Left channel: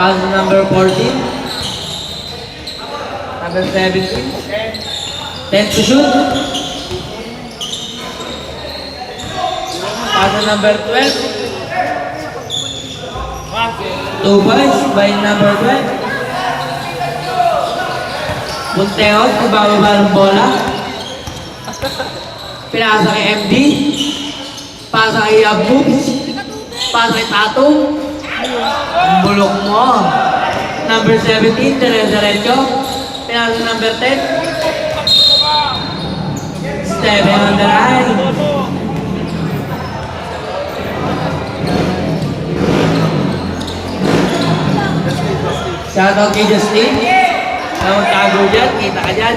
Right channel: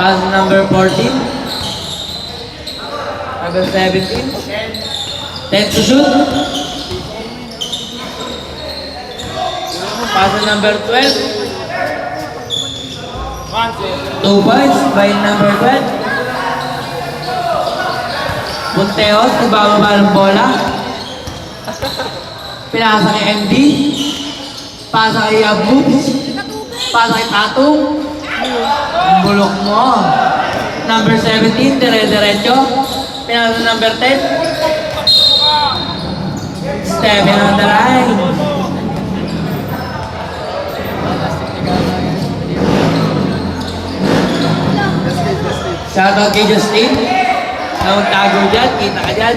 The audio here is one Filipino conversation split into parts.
Pass number 14. Number 17. 10 to shoot. Pass number 12. 2 points by number 12. Bunteos, nagbababa ng bola. Pinasa kay MD. Pasa kay Aboops. Pasa kay Tatong. Bulok mo. Number 17, dire-diretso. Pinasa number 10. Steven on the line. Shoutout kay Justin. Ang tago dyan, kita ka dyan.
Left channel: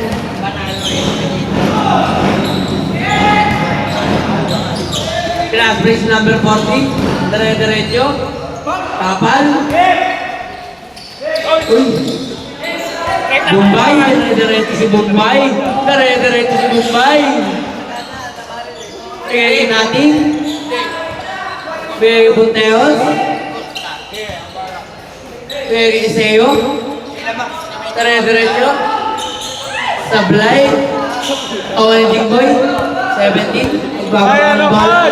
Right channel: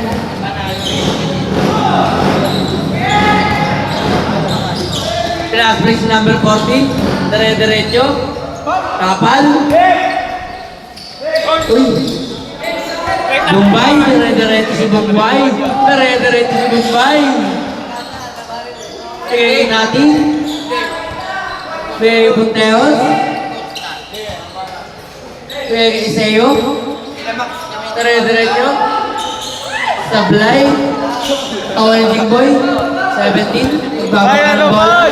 Class race number 14. Dire-diretso. Kapal. Uy. Bombay. Dire-diretso si Bombay. Dire-diretso si Bombay. Kaya natin. Kuya Bunteos. Kuya Iseo. Dire-diretso. Sablay. Orange Boy. 17. Nagbabak ng ball.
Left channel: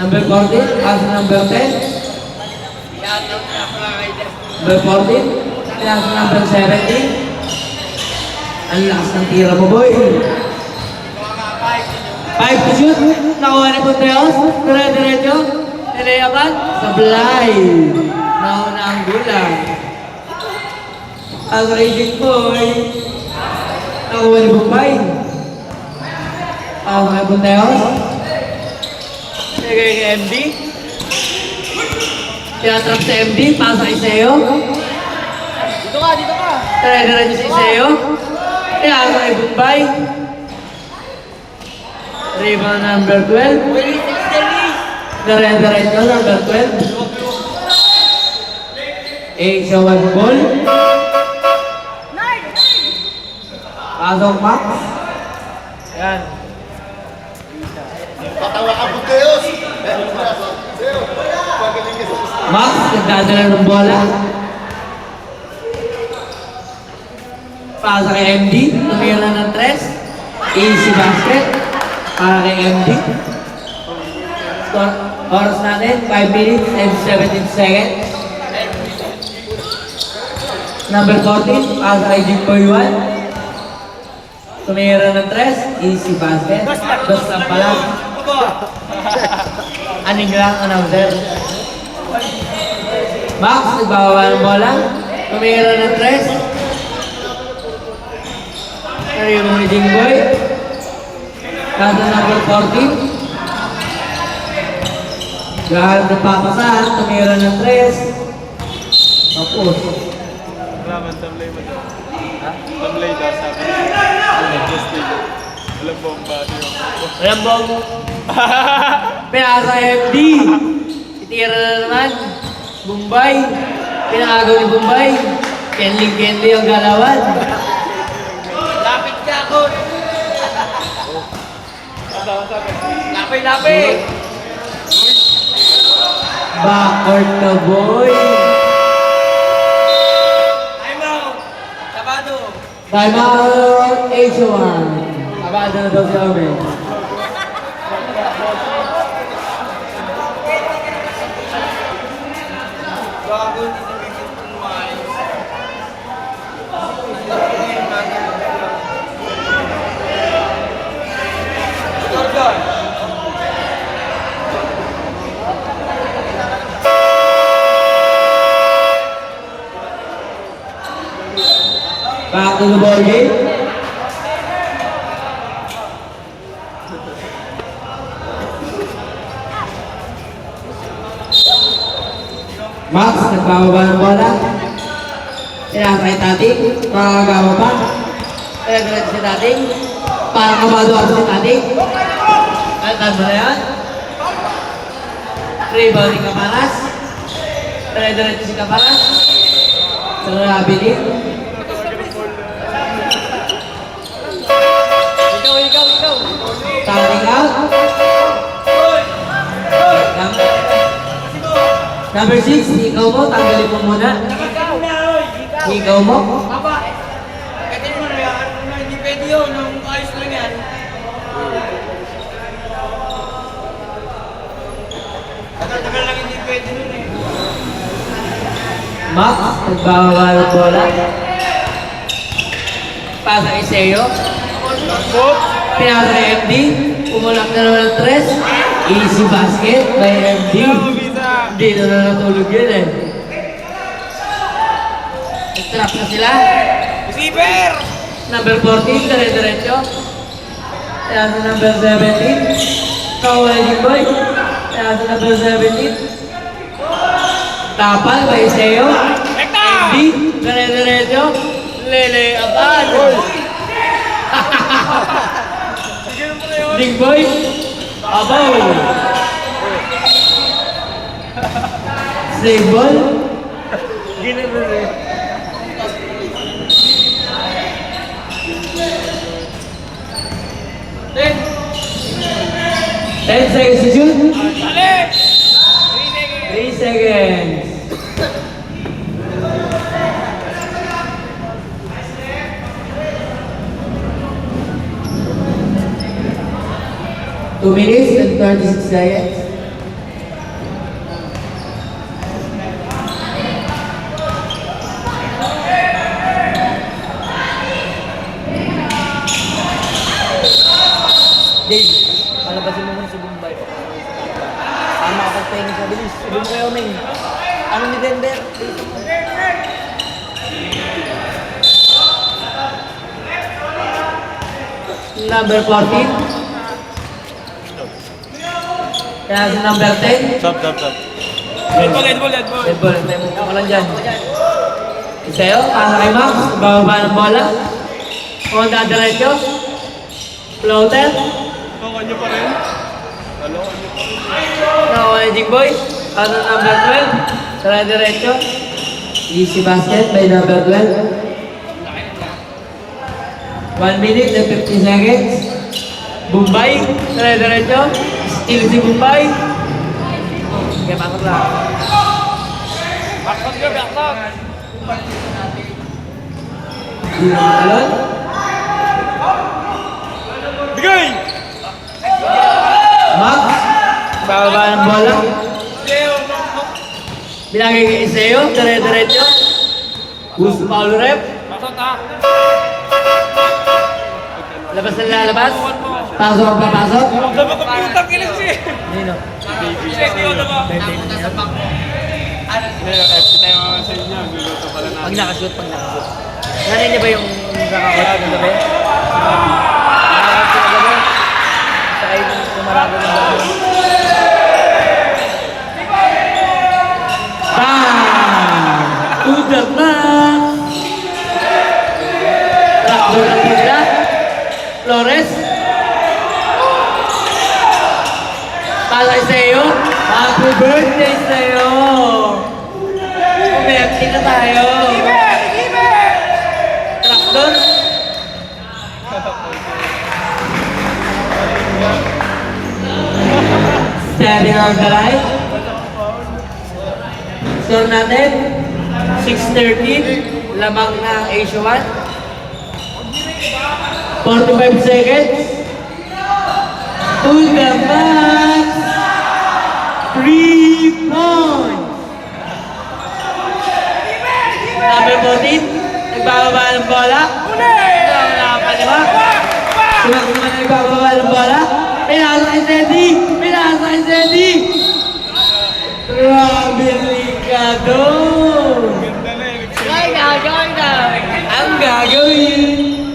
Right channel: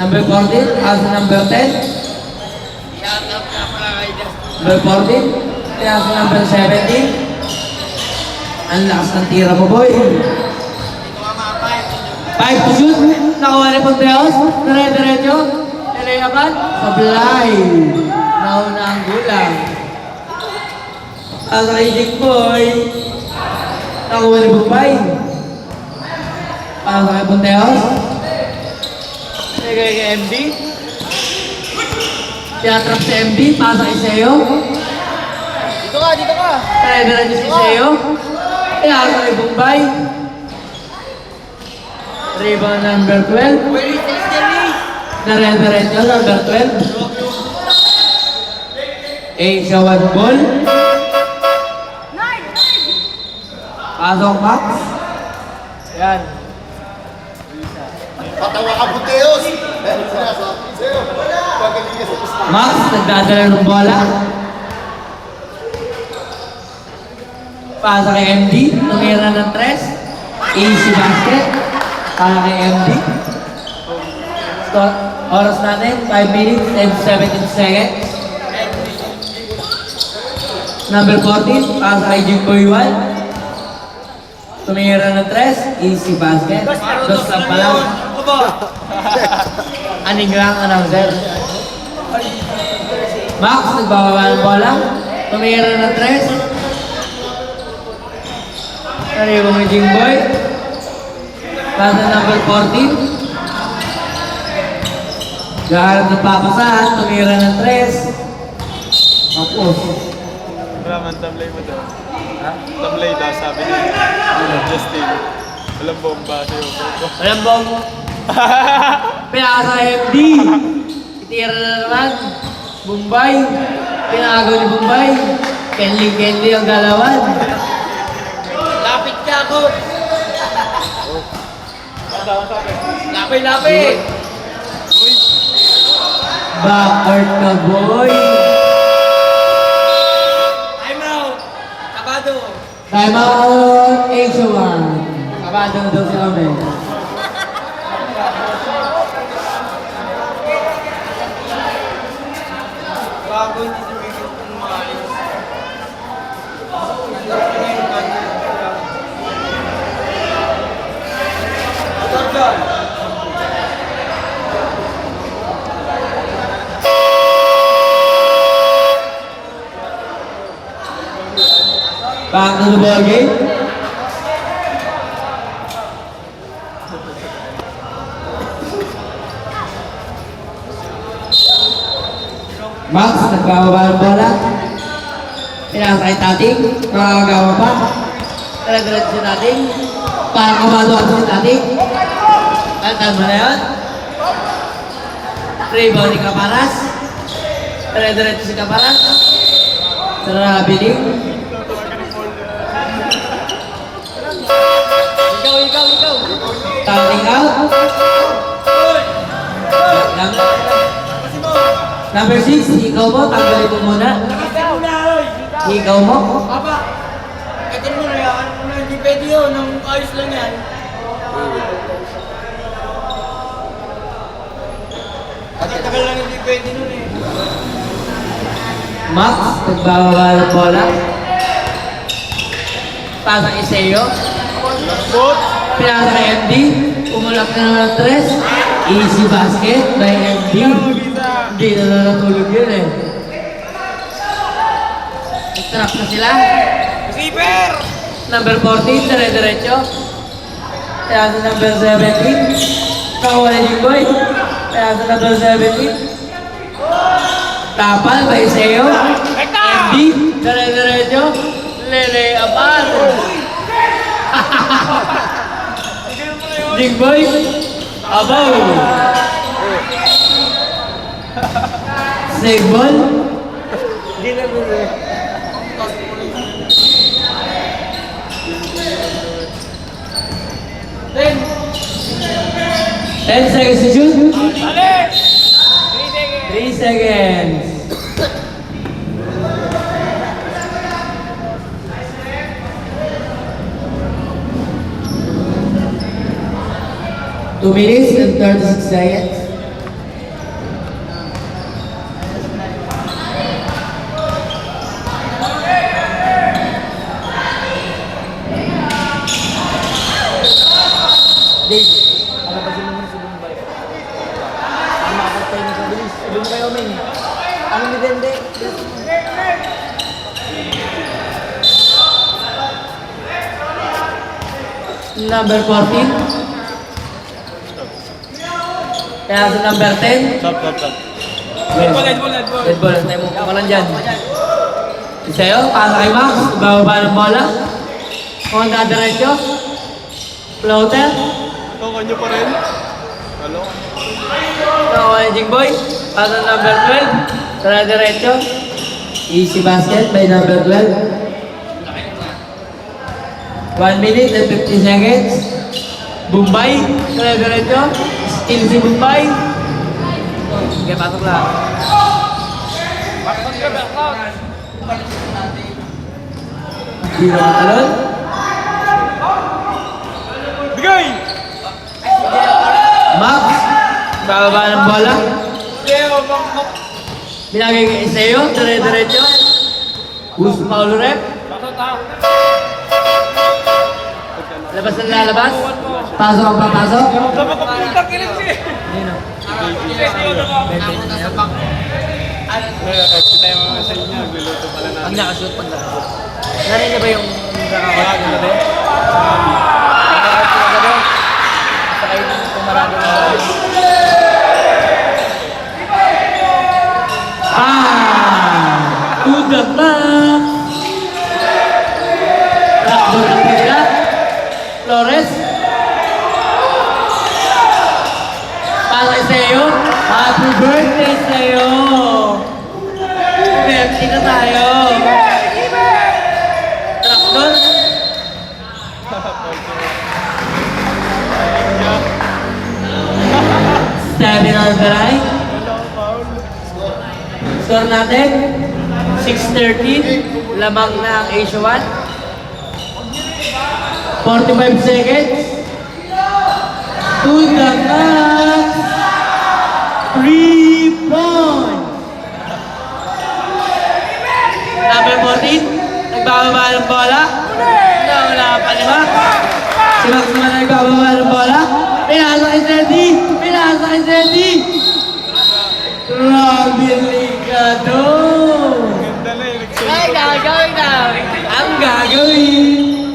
Number 14, pass number 10. Number 14, pass number 17. Ang lakas ng tira mo, boy. 5 to shoot. Nakuha ni Ponteos. Dire-diretso. Nilayaban. Sablay. Nauna ang gulang. Ang raging boy. Nakuha ni Bombay. Pass ni Ponteos. Sige kay MD. Tiyatrak si MD, pasa kay Seo. Dito ka! Dire-diretso si Seo. Tiyatrak kay Bombay. Rebound number 12. Dire-diretso number 12. Asia one ball. Pasok Max. Yan. Patawa ka Bunteos! Max, nagdadala ng bola. Pasa kay MD, tumira ng 3. Easy basket. Para kay MD. Score, oras natin, 5 minutes and 17 seconds. Number 14, pasa kay Jimboy 1. Tumira ng 3. Easy basket. Dos lang pala. Aning lang, another. Max, nagbabawa ng bola. Tumira ng 3. Karibang ni Jimboy. Pasa number 14. Gaharap ng papasahan. Tumira ng 3. Tapos. Raman, tamlay mo daw. Tamlay daw, sabi niya. Justin. Walang bomba siya. Walang bom. Pinasa MD. Itira na naman. Bombay. Pinagaw ni Bombay. Kenli ang galawan. Lapit ka ako! Lapit! Backward ka, boy. Time out! Sabado! Time out, H1. Abado na daw si Amel. Bago ni Division kumain. Jordan! Back to the ball game. Max, nagbababa ng bola. Pinasa kay Tating. Nakagawa pa. Dire-diretso si Tating. Parang kamado ako si Tating. Altan mo na yan. Rebound ni Caparas. Dire-diretso si Caparas. Sarabiling. Ikaw! Standing out. Number 6, ikaw mo, tanggalin mo muna. Ikaw na, oy! Ikaw mo. Aba! Ito mo na yan. Hindi pwede yun. Nung ayos lang yan. Tagal-tagal lang hindi pwede nun eh. Max, nagbabawal ng bola. Pasang Iseo. Pinasa kay MD. Umulak na naman ng 3. Easy basket by MD. Hindi na natulog yun eh. Nag-trap na sila. Receiver! Number 14, dire-diretso. Pinasa number 17. Kawala yung boy. Pinasa number 17. Tapal by Iseo. MD, dire-diretso. Lele, abad. Jingboy, abaw. Save ball. Ten! 10 seconds to shoot. Balik! 3 seconds. Two minutes and 36 seconds. Dave, ano ba mo si Bombay? Ano makapagpahinga sa bilis? Sabi mo kayo, Ming. Ano ni Bender? Number 14. Kaya sa number 10. Stop, stop, stop. Red ball. Tayo mo ka lang dyan. Isayo, pasa kay Max. Bababa ng bola. Kung dadiretso. Floater. Oh, kanyo pa rin? Hello? Managing boy. Pasa number 12. Tara diretso. Easy basket by number 12. 1 minute and 50 seconds. Bombay. Tara diretso. Steal si Bombay. Kaya pasok lang. Di na matalon. Bigay! Max. Bababa ng bola. Leo, Bangkok! Binagay kay Iseo. Tara diretso. Gusto Paulo Rep. Labas na lalabas. Pasok ang papasok. Nino. Ngayon, FC tayo mga sa inyo. Luluto pala Pag namin. nakashoot, pag nakashoot. Narin niya ba yung nakakot na gabi? Nakakot na gabi? Sa kayo kumarado ng gabi. To the max. Takbo ng pisa. Flores. Talo sa'yo. Happy birthday sa'yo. Umekti na tayo. Traktor. Seven on the line. Score natin, 6:13, lamang na ang Asia 1. 45 seconds. To the max. 3 points. Number 14, nagbababa ng bola. Wala pa naman. Si Max naman nagbababa ng bola. Pinasa kay Zeddy. Pinasa kay Zeddy. Grabe ligado! Ganda na yun. Ay, gagawin na! Ang gagawin!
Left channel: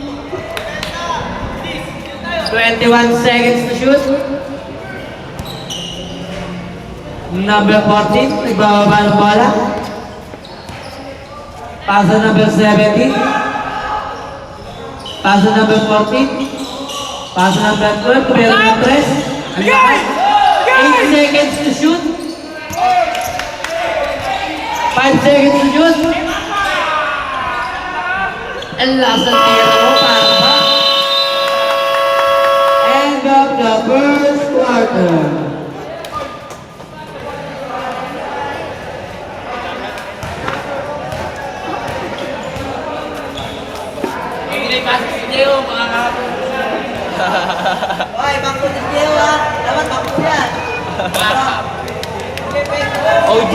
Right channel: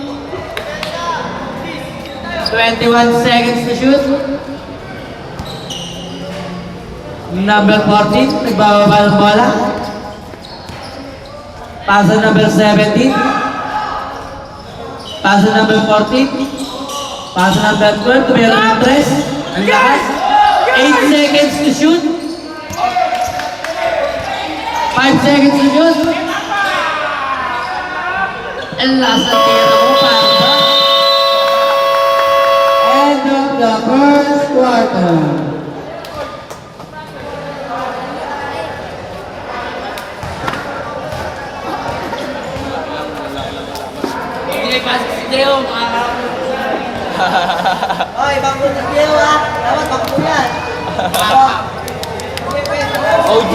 21 seconds to shoot. Number 14, nagbababa ng bola. Paso number 17. Paso number 14. Paso number 12, tubero ng 3. Ang lakas. 8 seconds to shoot. 5 seconds to shoot. Ang last ng tira mo, parang ba? End of the first quarter. Oy, bangko ng Gio ha. Dapat bangko yan. OG!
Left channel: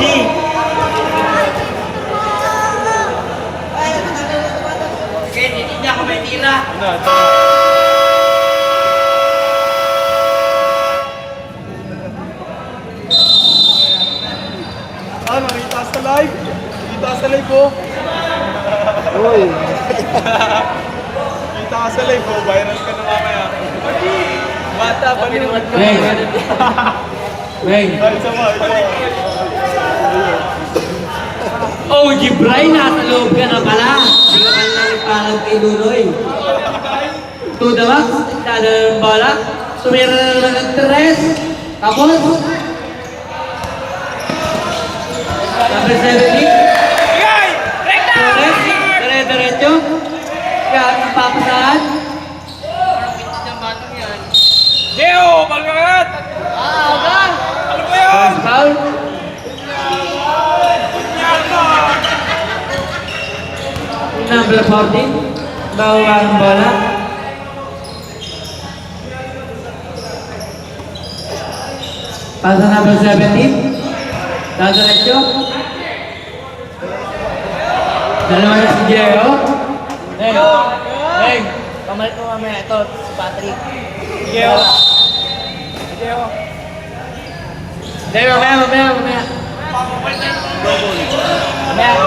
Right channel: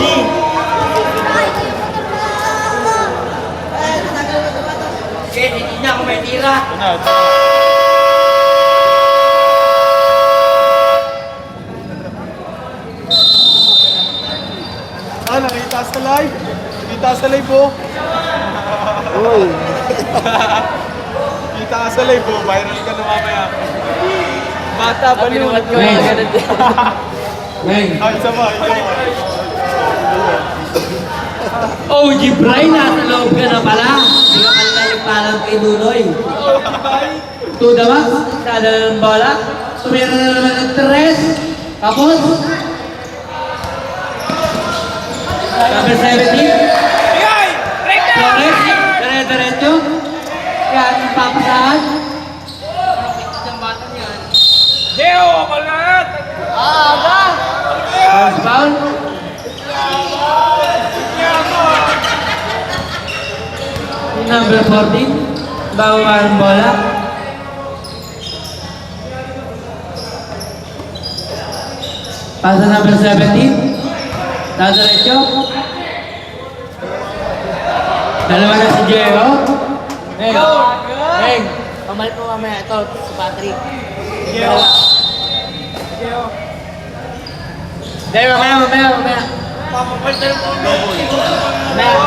Sige, hindi niya ako may tira. Nakita sa live. Nakita sa live po. Uy! Kita ka sa live po. Viral ka na mamaya. Bata, balon. Weng. Ay, sa ba? OG Bray, nasa loob ka na pala. Hindi ka pala nagpalag kay Nunoy. To the max, dada ng bola. Tumira na naman ng tres. Tapos, number 70. Flores, diretso. Yan, papisahan. Parang pitis ng batang yan. First foul. Number 14. Bawa ang bola. Pasa number 17. Diretso. Dalawa na si Jero. Hey! Pamalit mo mamaya ito, si Patrick. Sige, Dalawa. Deo, mamaya. Mamaya,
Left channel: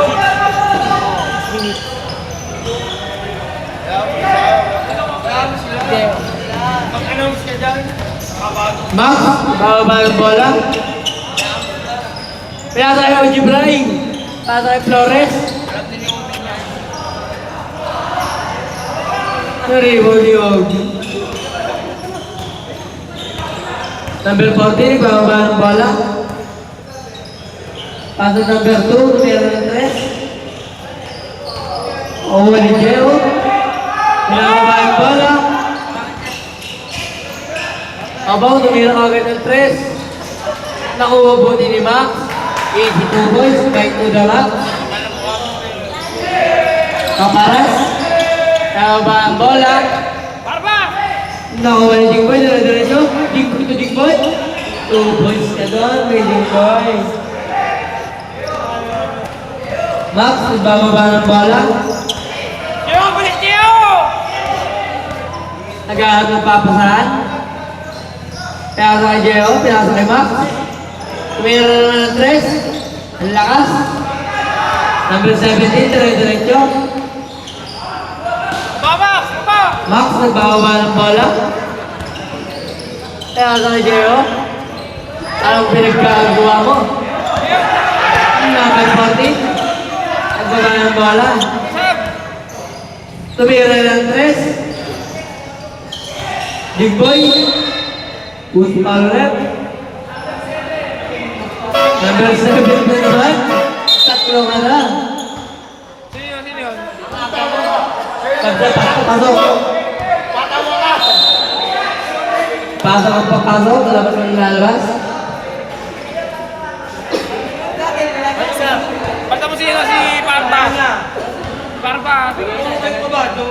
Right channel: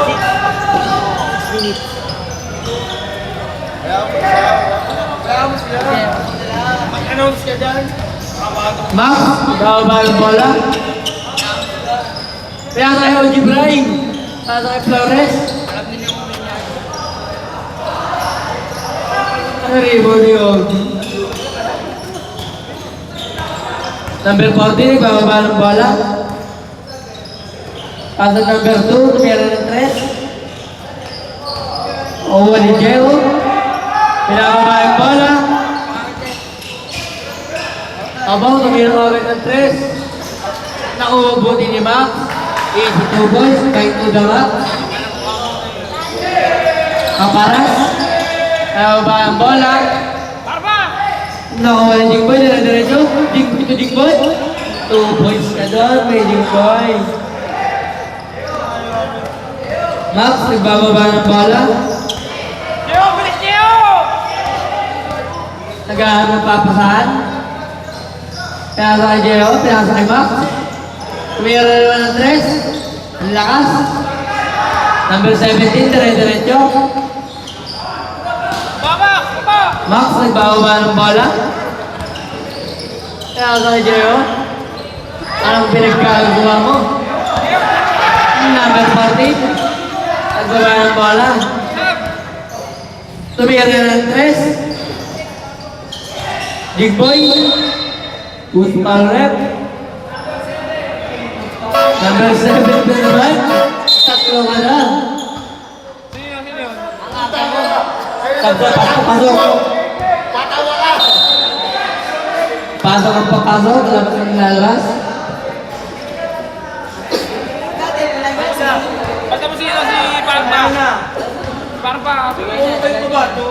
6 minutes. Kaya mo sila. Mag-announce ka dyan. Max, bawa ba ang bola? Kaya tayo OG Bray. Kaya tayo Flores. Alam din yung umin yan. Rebound ni OG. Number 14, bawa ba ang bola? Pasa number 2, tumira ng 3. Owa ni Jero. Kailangan ba ang bola? Abang tumira ka agad ng 3. Nakuha buti ni Max. Easy 2 boys, back to the back. Kaparas. Kaya ba ang bola? Nakuha ni Jingboy, diretso. Jingboy to Jingboy. 2 points ka doon, may Jingboy. Max, nagbababa ng bola. Nagahan ng papasahan. Pinasa kay Jeo, pinasa kay Max. Tumira na naman ng 3. Ang lakas. Number 17, diretso. Max, nagbababa ng bola. Pinasa kay Jeo. Parang pinagkagawa mo. Number 14. Nagbaba ng bola. Tumira na ng 3. Jigboy. Usman Rep. Number 7 naman. Tatlo ka na. Pasok. Pasok ang papasok. Dapat kang nalabas. Basta mo siya si Parpa. Parpa. Okay ko ba ito?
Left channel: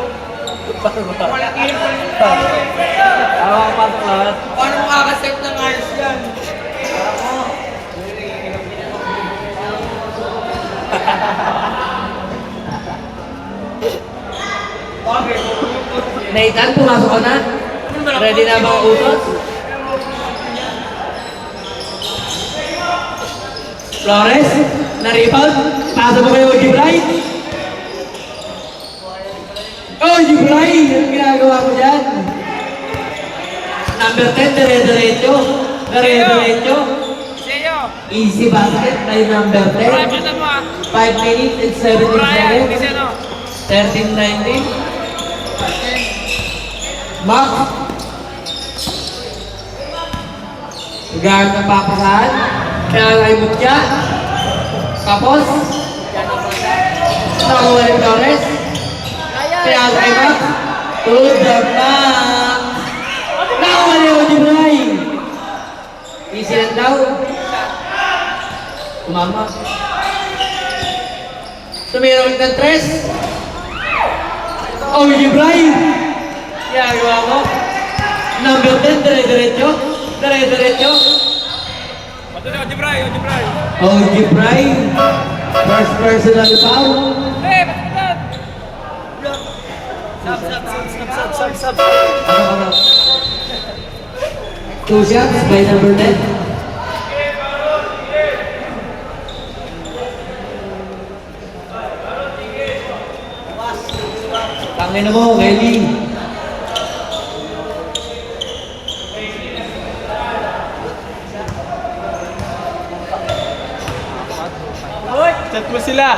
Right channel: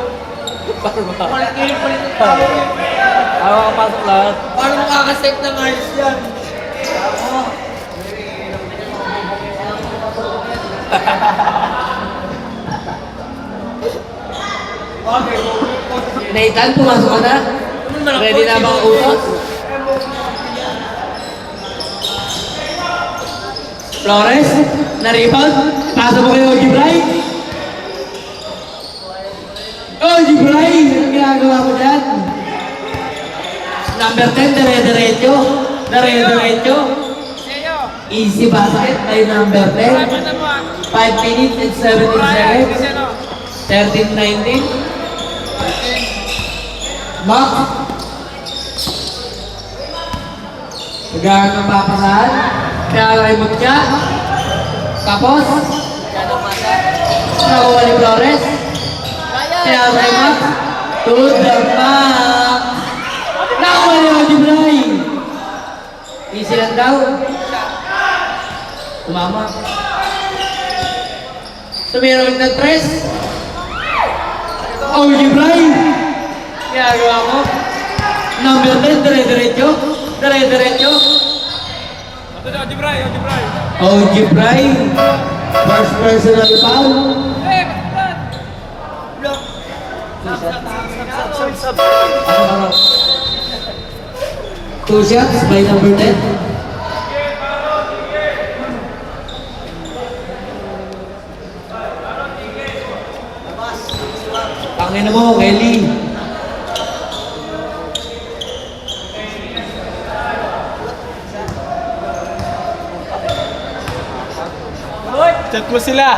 Wala kiling pa rin tao eh. Pasok lahat. Paano makakaset ng ayos yan? Bakit? Nathan, pumasok ka na. Ready na mga utos? Flores, na-rebound. Pasok mo kayo, Gibray. Oh, Gibray! Anong ginagawa mo dyan? Number 10, dire-diretso. Dire-diretso. Easy basket by number 10. 5 minutes and 17 seconds. 13-19. Max. Nagahan ng papasahan. Kaya kay Mutya. Tapos. Nakuha ni Flores. Kaya kay Max. To the max. Nakuha ni Odibray. Easy lang daw. Tumama. Tumira ulit ng 3. Oh, Odibray. Kaya ginagawa mo? Number 10, dire-diretso. Dire-diretso. Ito na, Jibray, Jibray. OG Bray. First personal foul. Eh, kapitan! Ano? 2 shots by number 10. Tangin mo, Kelly. Chat mo sila.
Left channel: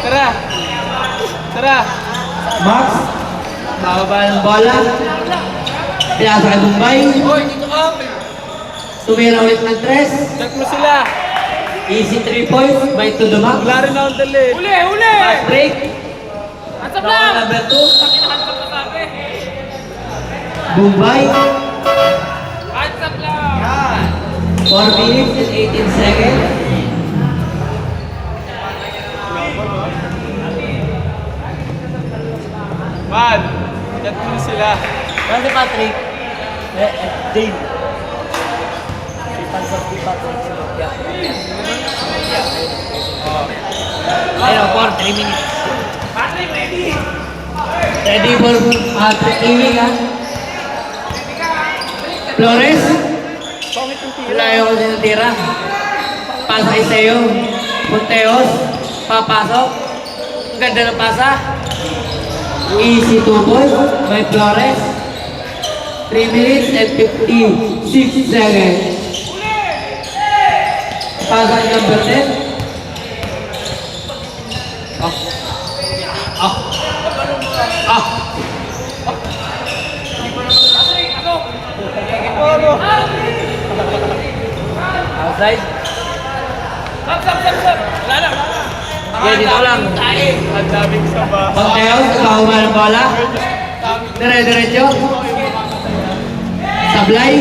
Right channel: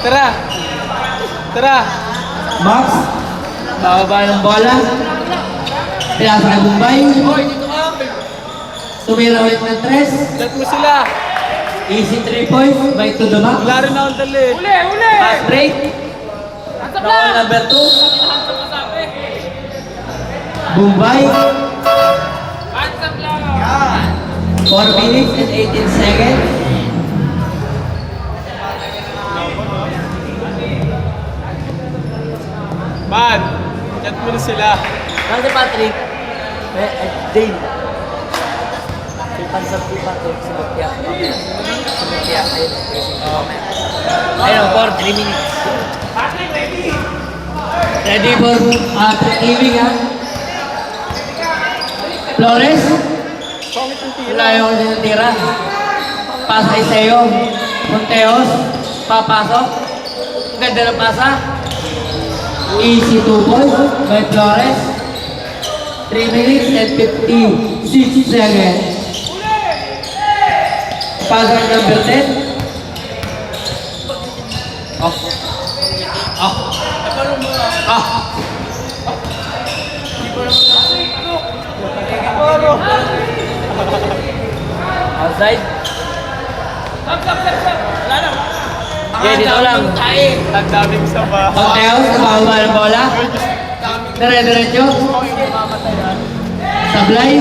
Tara. Tara. Max. Bababa ng bola. Pinasa kay Bombay. Hoy, dito ka! Tumira ulit ng 3. Chat mo sila. Easy 3 points by to the max. Wala rin akong dali. Uli, uli! Fast break. Stop Ball lang! number 2. Hantab ka sabi. Bombay. Hantab lang! 4 minutes and 18 seconds. Man, chat mo na sila. Ano si Patrick? Dave. Si Pansap si Patrick si Mutya. Ayun, for 3 minutes. Patrick, ready! Ready for aiming ha? Flores. Wala yung tinitira. Pasa Iseo. Punteos. Papasok. Ganda na pasa. Easy 2 points by Flores. 3 minutes and 56 seconds. Pasa number 10. Outside. Stop! Wala na! Okay, dito lang. Ang daming saba. Punteos. Nakaupa ng bola. Dire-diretso. Sablay.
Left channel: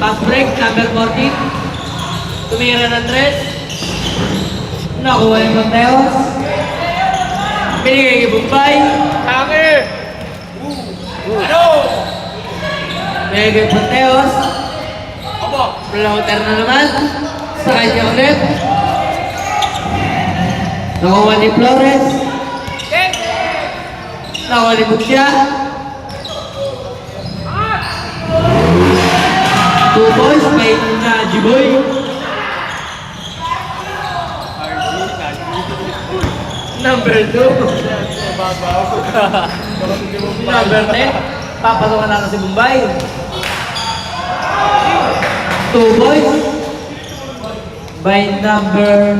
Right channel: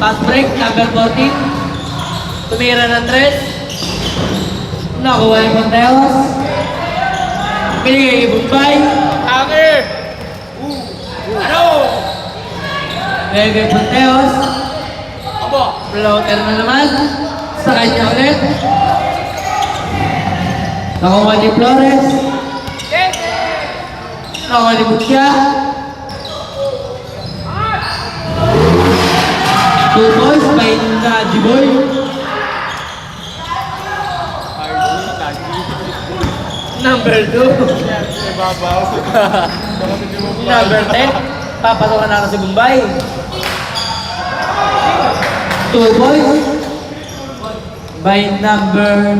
Pass break. Number 14. Tumira ng 3. Nakuha yung Punteos. Binigay kay Bombay. Tangi! Ano? Maybe Punteos. Abo! Floater na naman. Sa kanya ulit. Nakuha ni Flores. Nakuha ni Butya. 2 points by Najiboy. Number 2. Number 10. Papasawan na si Bombay. 2 points by number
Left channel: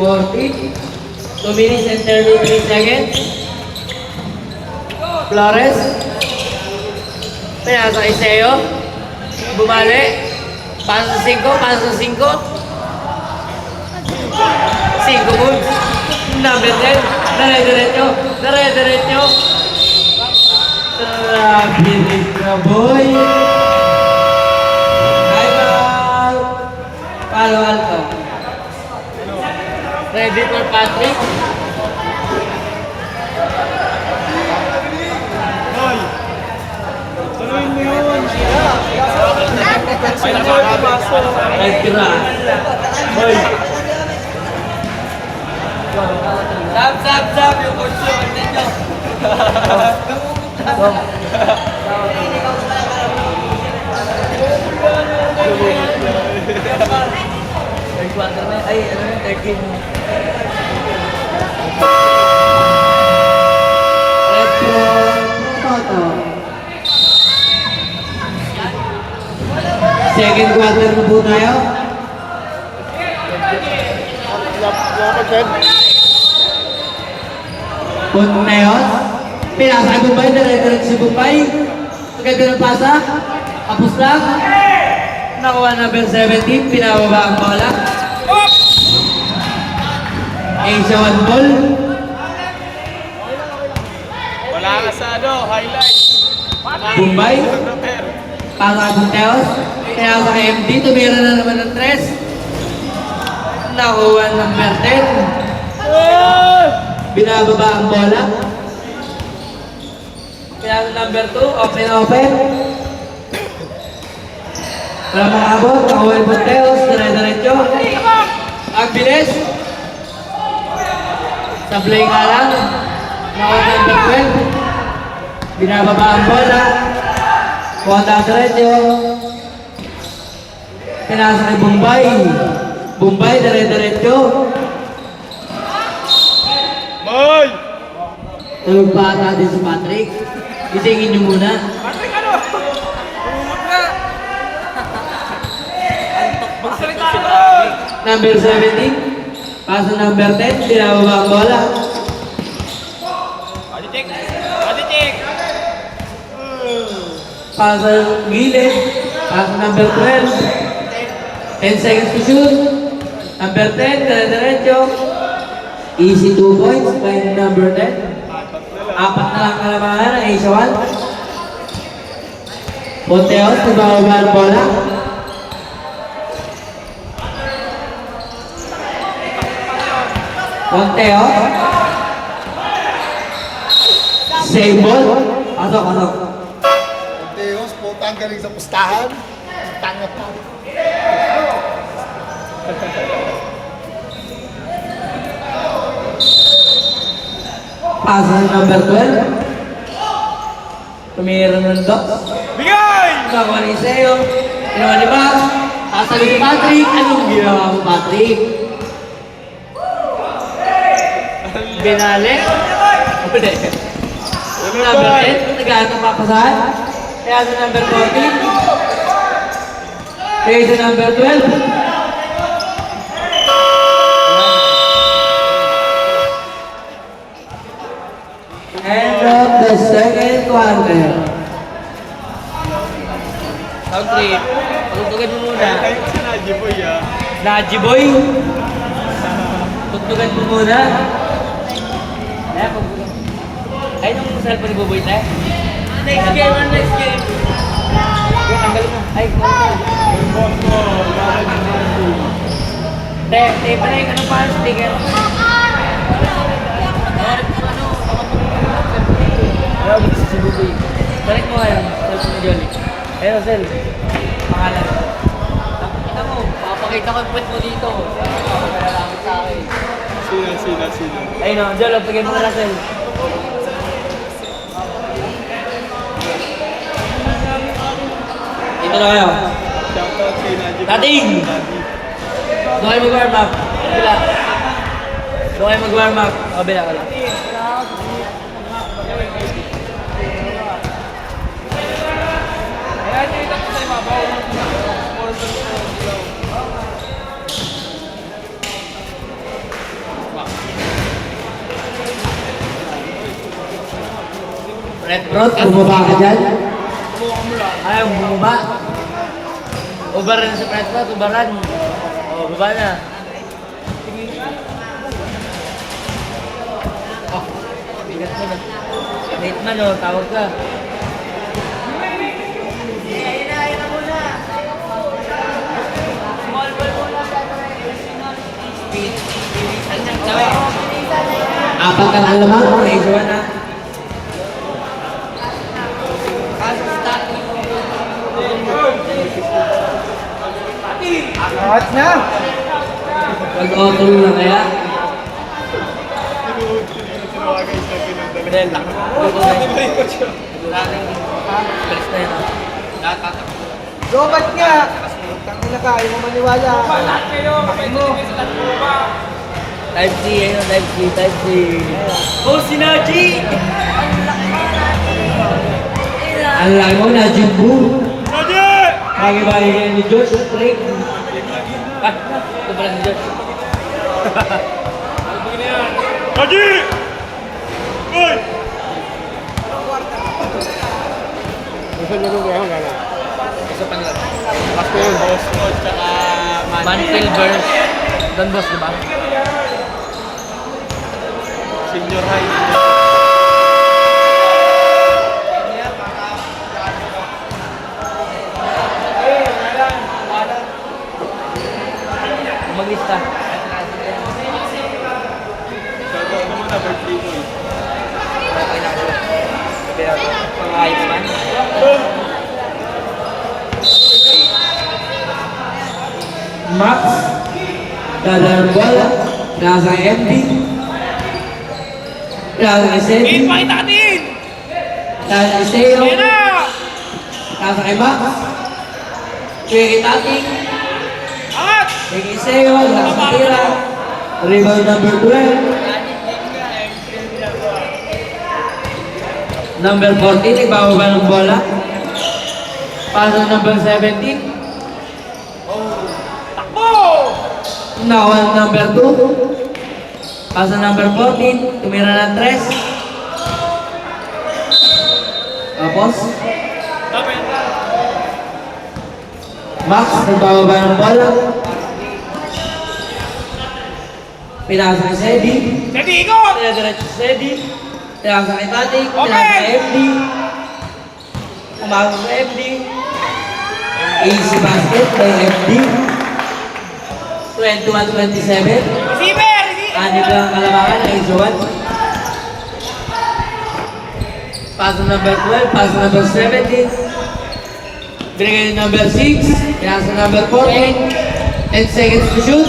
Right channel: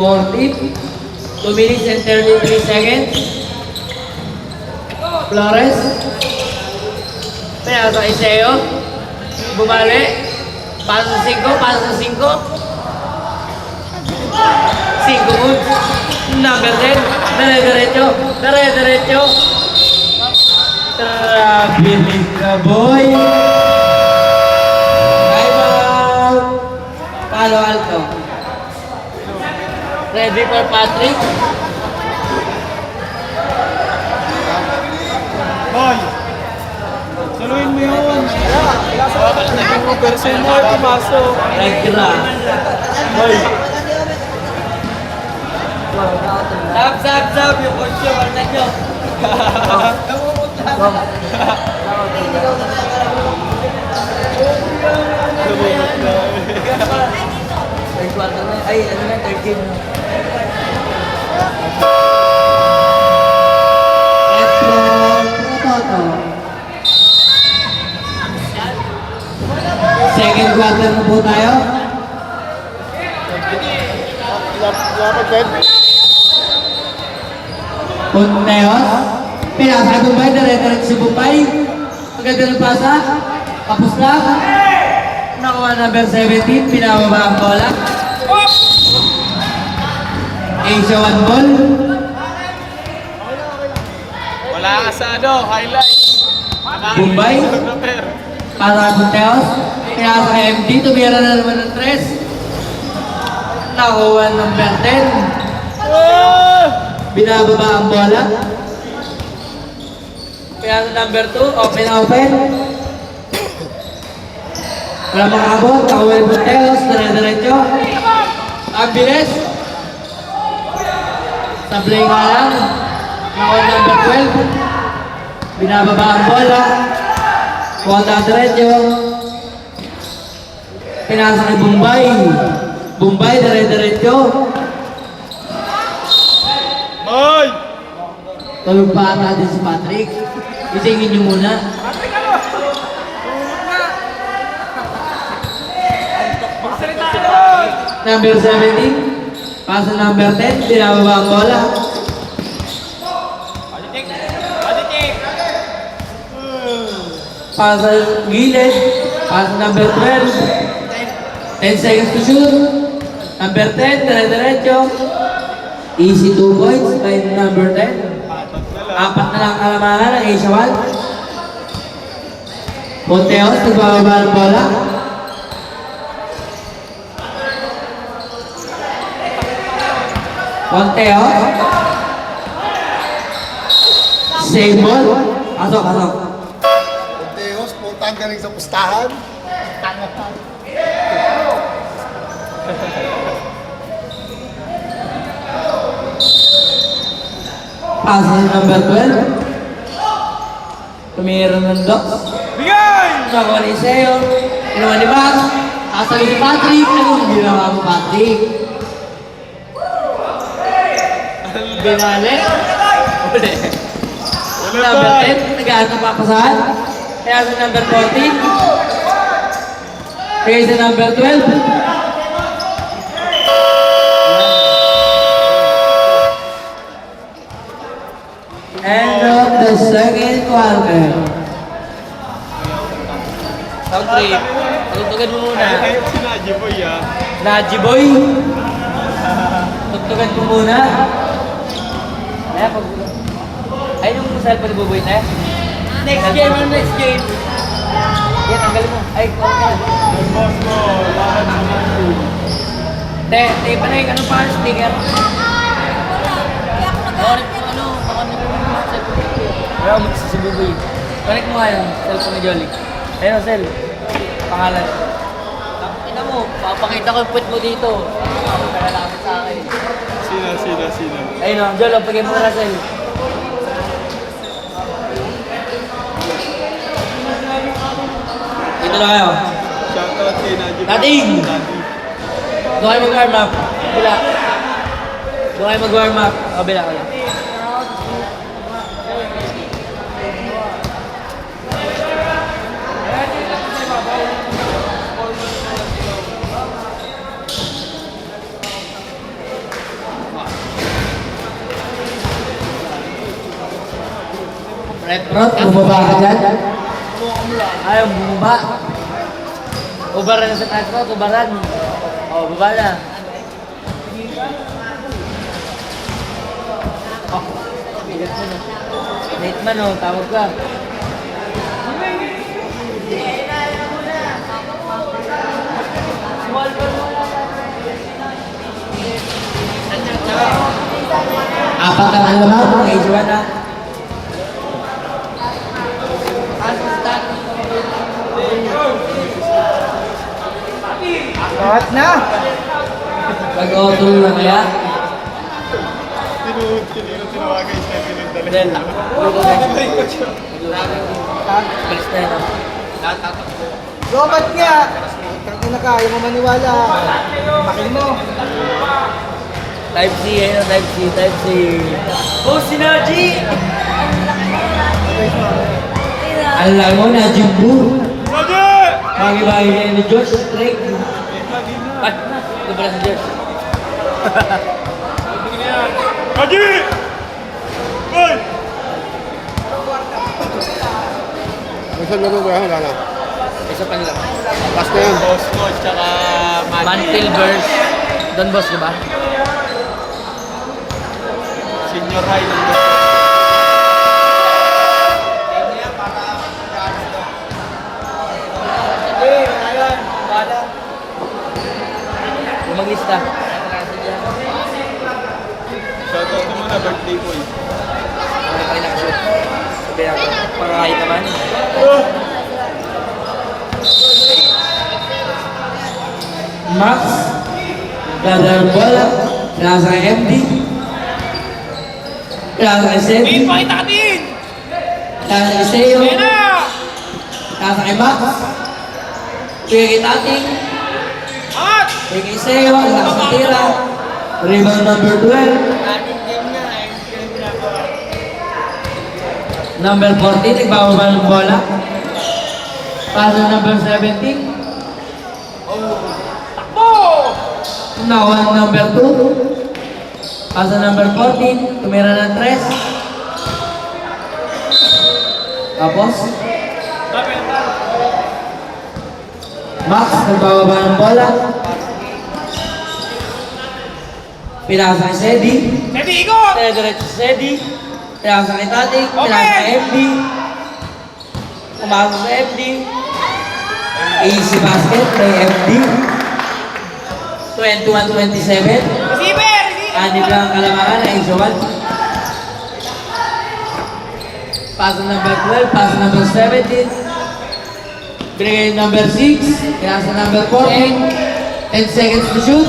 40. 2 minutes and 33 seconds. Flores. Pinasa kay Seo. Bumali. Pasa 5. Pasa 5. 5 moves. Number 10. Dire-diretso. Dire-diretso. Bilis na boy. Time out. Palo Alto. Ready for Patrick. Hoy! Saluhin mo yun. Sino yung pumasok? Regra. Hoy! Zap. Yung kurso. Bantan nyo. Third quarter na. Ay, ano na, third game na. Retro. Toto. Second quarter na po tayo. Napag-bed? Punteos. Pinasa kay Bombay. Dire-diretso si Bombay. Ang ganda ng pasa. Tapos lang. Nakuha number 17. Pinababa ang bola. Asia 1 ball. Wala asado. Highlights. Bombay. Para Punteos. Pinasa kay MD. Tumira na naman ng 3. Nakuha number 10. Binababa ang bola. Kaya Pinasa number 2, open. Wala makabot, Pauel Bunteos, dire-diretso. Ang bilis. Sablay nga lang. Nakuha number 12. Binababa ang bola. Kuwanda diretso. Pinasa ni Bombay. Bombay, dire-diretso. Boy! Tulog pa natin si Patrick. Itingin niyo muna. Number 17. Paso number 10. Binababa ang bola. Paso gilid. Paso number 12. 10 seconds to shoot. Number 10. Dire-diretso. Easy 2 points. Time number 10. Apat na lang kalamahan ng Asia 1. Ponteos, nagbababa ang bola. Ponteos. Save ball. Pasok. Teos, putang galing sa pustahan. Tanga pa. Paso ni number 12. Tumira ng Doc. Bigay! Nagawa ni Seo. Ginawa ni Max. Asabi ni Patrick. Anong ginawa mo, Patrick? Binali. Uli. Number 10. Nagahan ng papasahan. Kaya sa number 14. Kaya sa number 12. End of the second quarter. Sound trip. Tugtugan mo muna. Si Najee Boy ah. Najee Boy. Tugtugan mo muna. Ay, nung cellphone ni Buboy na. Next game. Yan, tanggalin mo. Ay, kuha ka. Tape, ano yung ano pa, sticker? Ayaw, magsisi Buboy. Connect mo nga yun, cellphone mo Jolly. Ayun, Cell. Pangalan. Ito mo, papakita ko put mo dito. Sa akin. Sino? Ayun o, Jol, pagay mo na, Cell. Dito na kayo. Shoutout kay Najee Boy. Dating! Doon kayo mag-warm up. Bila. Doon kayo mag-warm up. O, bila. Red Rod, bumaba ka dyan? Ayaw, bumaba. Ubaran na sa Red Rod, ubaran. O, baba na. Oh, bigat mo na. Late man o, tawag ka. Apat ka ng lamang, medyo na. Out na! Nag-auto na kaya? Tinawagay siya pinagdala. Bidel. Gobat nga! Kaya na kaya mo maniwala. Type C, ayun, Type C. Oh, si Najee! Ang laki mo na, Jumbo. Najee! Bagi-bagi kayo ni George Drake. Ah, ito pala si George. Najee! Boy! Minsan mo ba wala na? Isa pa nila. Pasko yun. Boss ko, tsaka Manfield versus Don Boss, di ba? Senior high. Maglista. Shoutout mo na birthday boy. Grabe ah. Pangahit naman. Max. Gather ang bola. Pinasa kay MD. Pinasa kay Sedi. Ipakita natin! Pinasa kay Seo. Ayan na! Pinasa kay Max. Bigay kay Tating. Angat! Bigay kay Seo. Lakas sa tira. Rebound number 12. Number 14, nagbababa ng bola. Pasa number 17. Takbo! Nakuha ng number 2. Pasa number 14. Tumira ng 3. Tapos, Max, nagbababa ng bola. Pinasa kay Sedi. Sedi, ikot! Diretso si Sedi. Pinasa kay Tatik. Okay. Pinasa kay FD. Pumasok sa FD. Easy basket kay FD. 21-27. Receiver! Kanip lang ang kalamangan ay easy 1. Pass number 12. Pass number 17. Binigay number 6. Pinasa number 14. 10 seconds to shoot.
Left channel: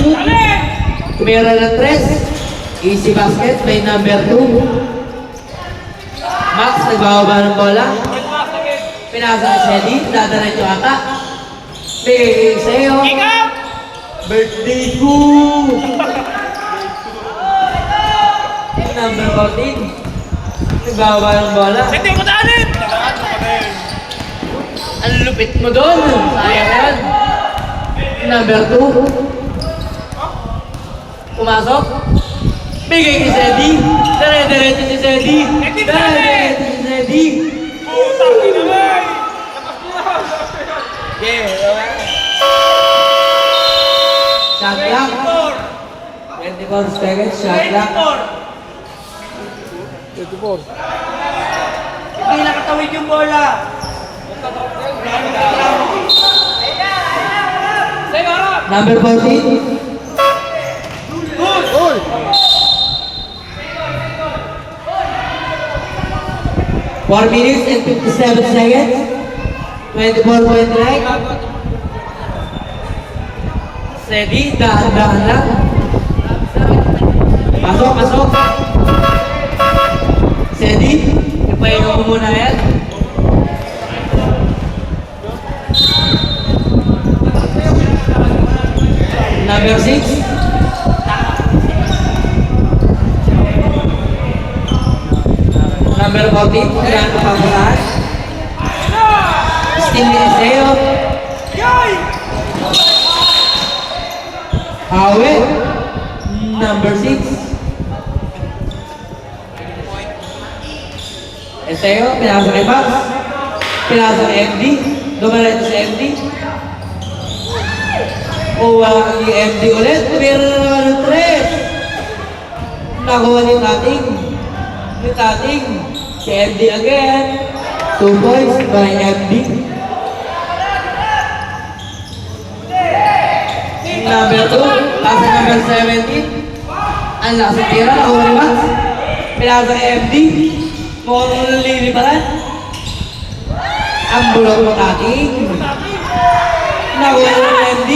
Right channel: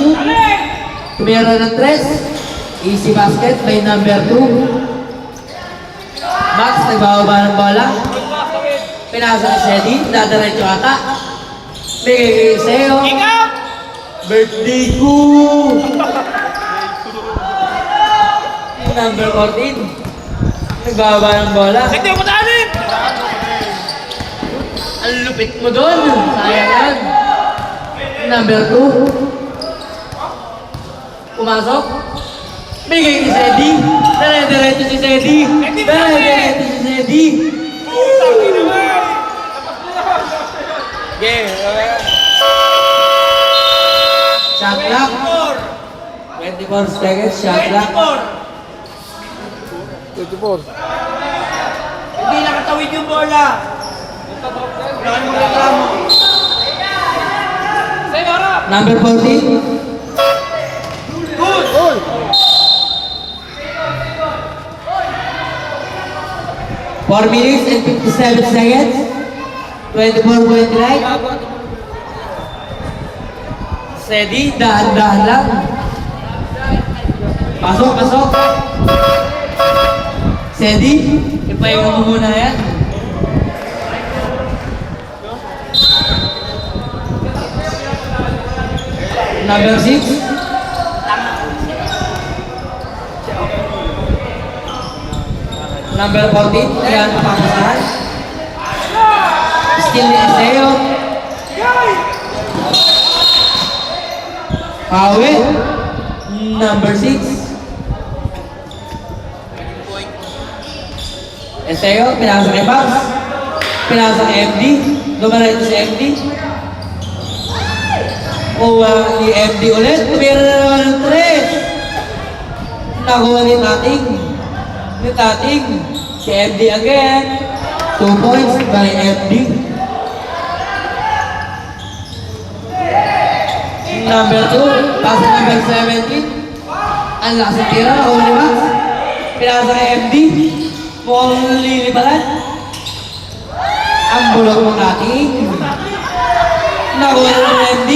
Tumira ng 3. Easy basket by number 2. Max, nagbababa ng bola. Pinasa kay Sedi. Dadaretso ata. Bigay kay Seo. Kick out! Birthday ko! Number 14. Nagbababa ng bola. Sedi, umatalim! Ang lupit mo doon. Sayang yan. Number 2. Pumasok. Bigay kay Sedi. Dire-diretso si Sedi. Dire-diretso si Sedi. Putang ina mo! Tapos mo na! Game. Shot clock. 24 seconds. Shot clock. 24. Hindi nakatawid yung bola! Number 14. Goal! 4 minutes and 57 seconds. 24-29. Sedi, dahan-dahan lang. Pasok, pasok. Sedi, ipahinga mo muna yan. Number 6. Number 14, kaya napakasahan. Skill ni Iseo. Hawi. Number 6. Iseo, pinasa kay Max. Pinasa kay MD. Dumaretso si MD. Walang ni MD ulit. Tumira na naman ng 3. Nakuha ni Tating. Si MD again. 2 points by MD. Number 2, pass number 17. Ang lakas ng tira, Oli Max. Pinasa kay MD. Mukhang liliparan. Ang bulak ng Tating. Nakuha na ng MD.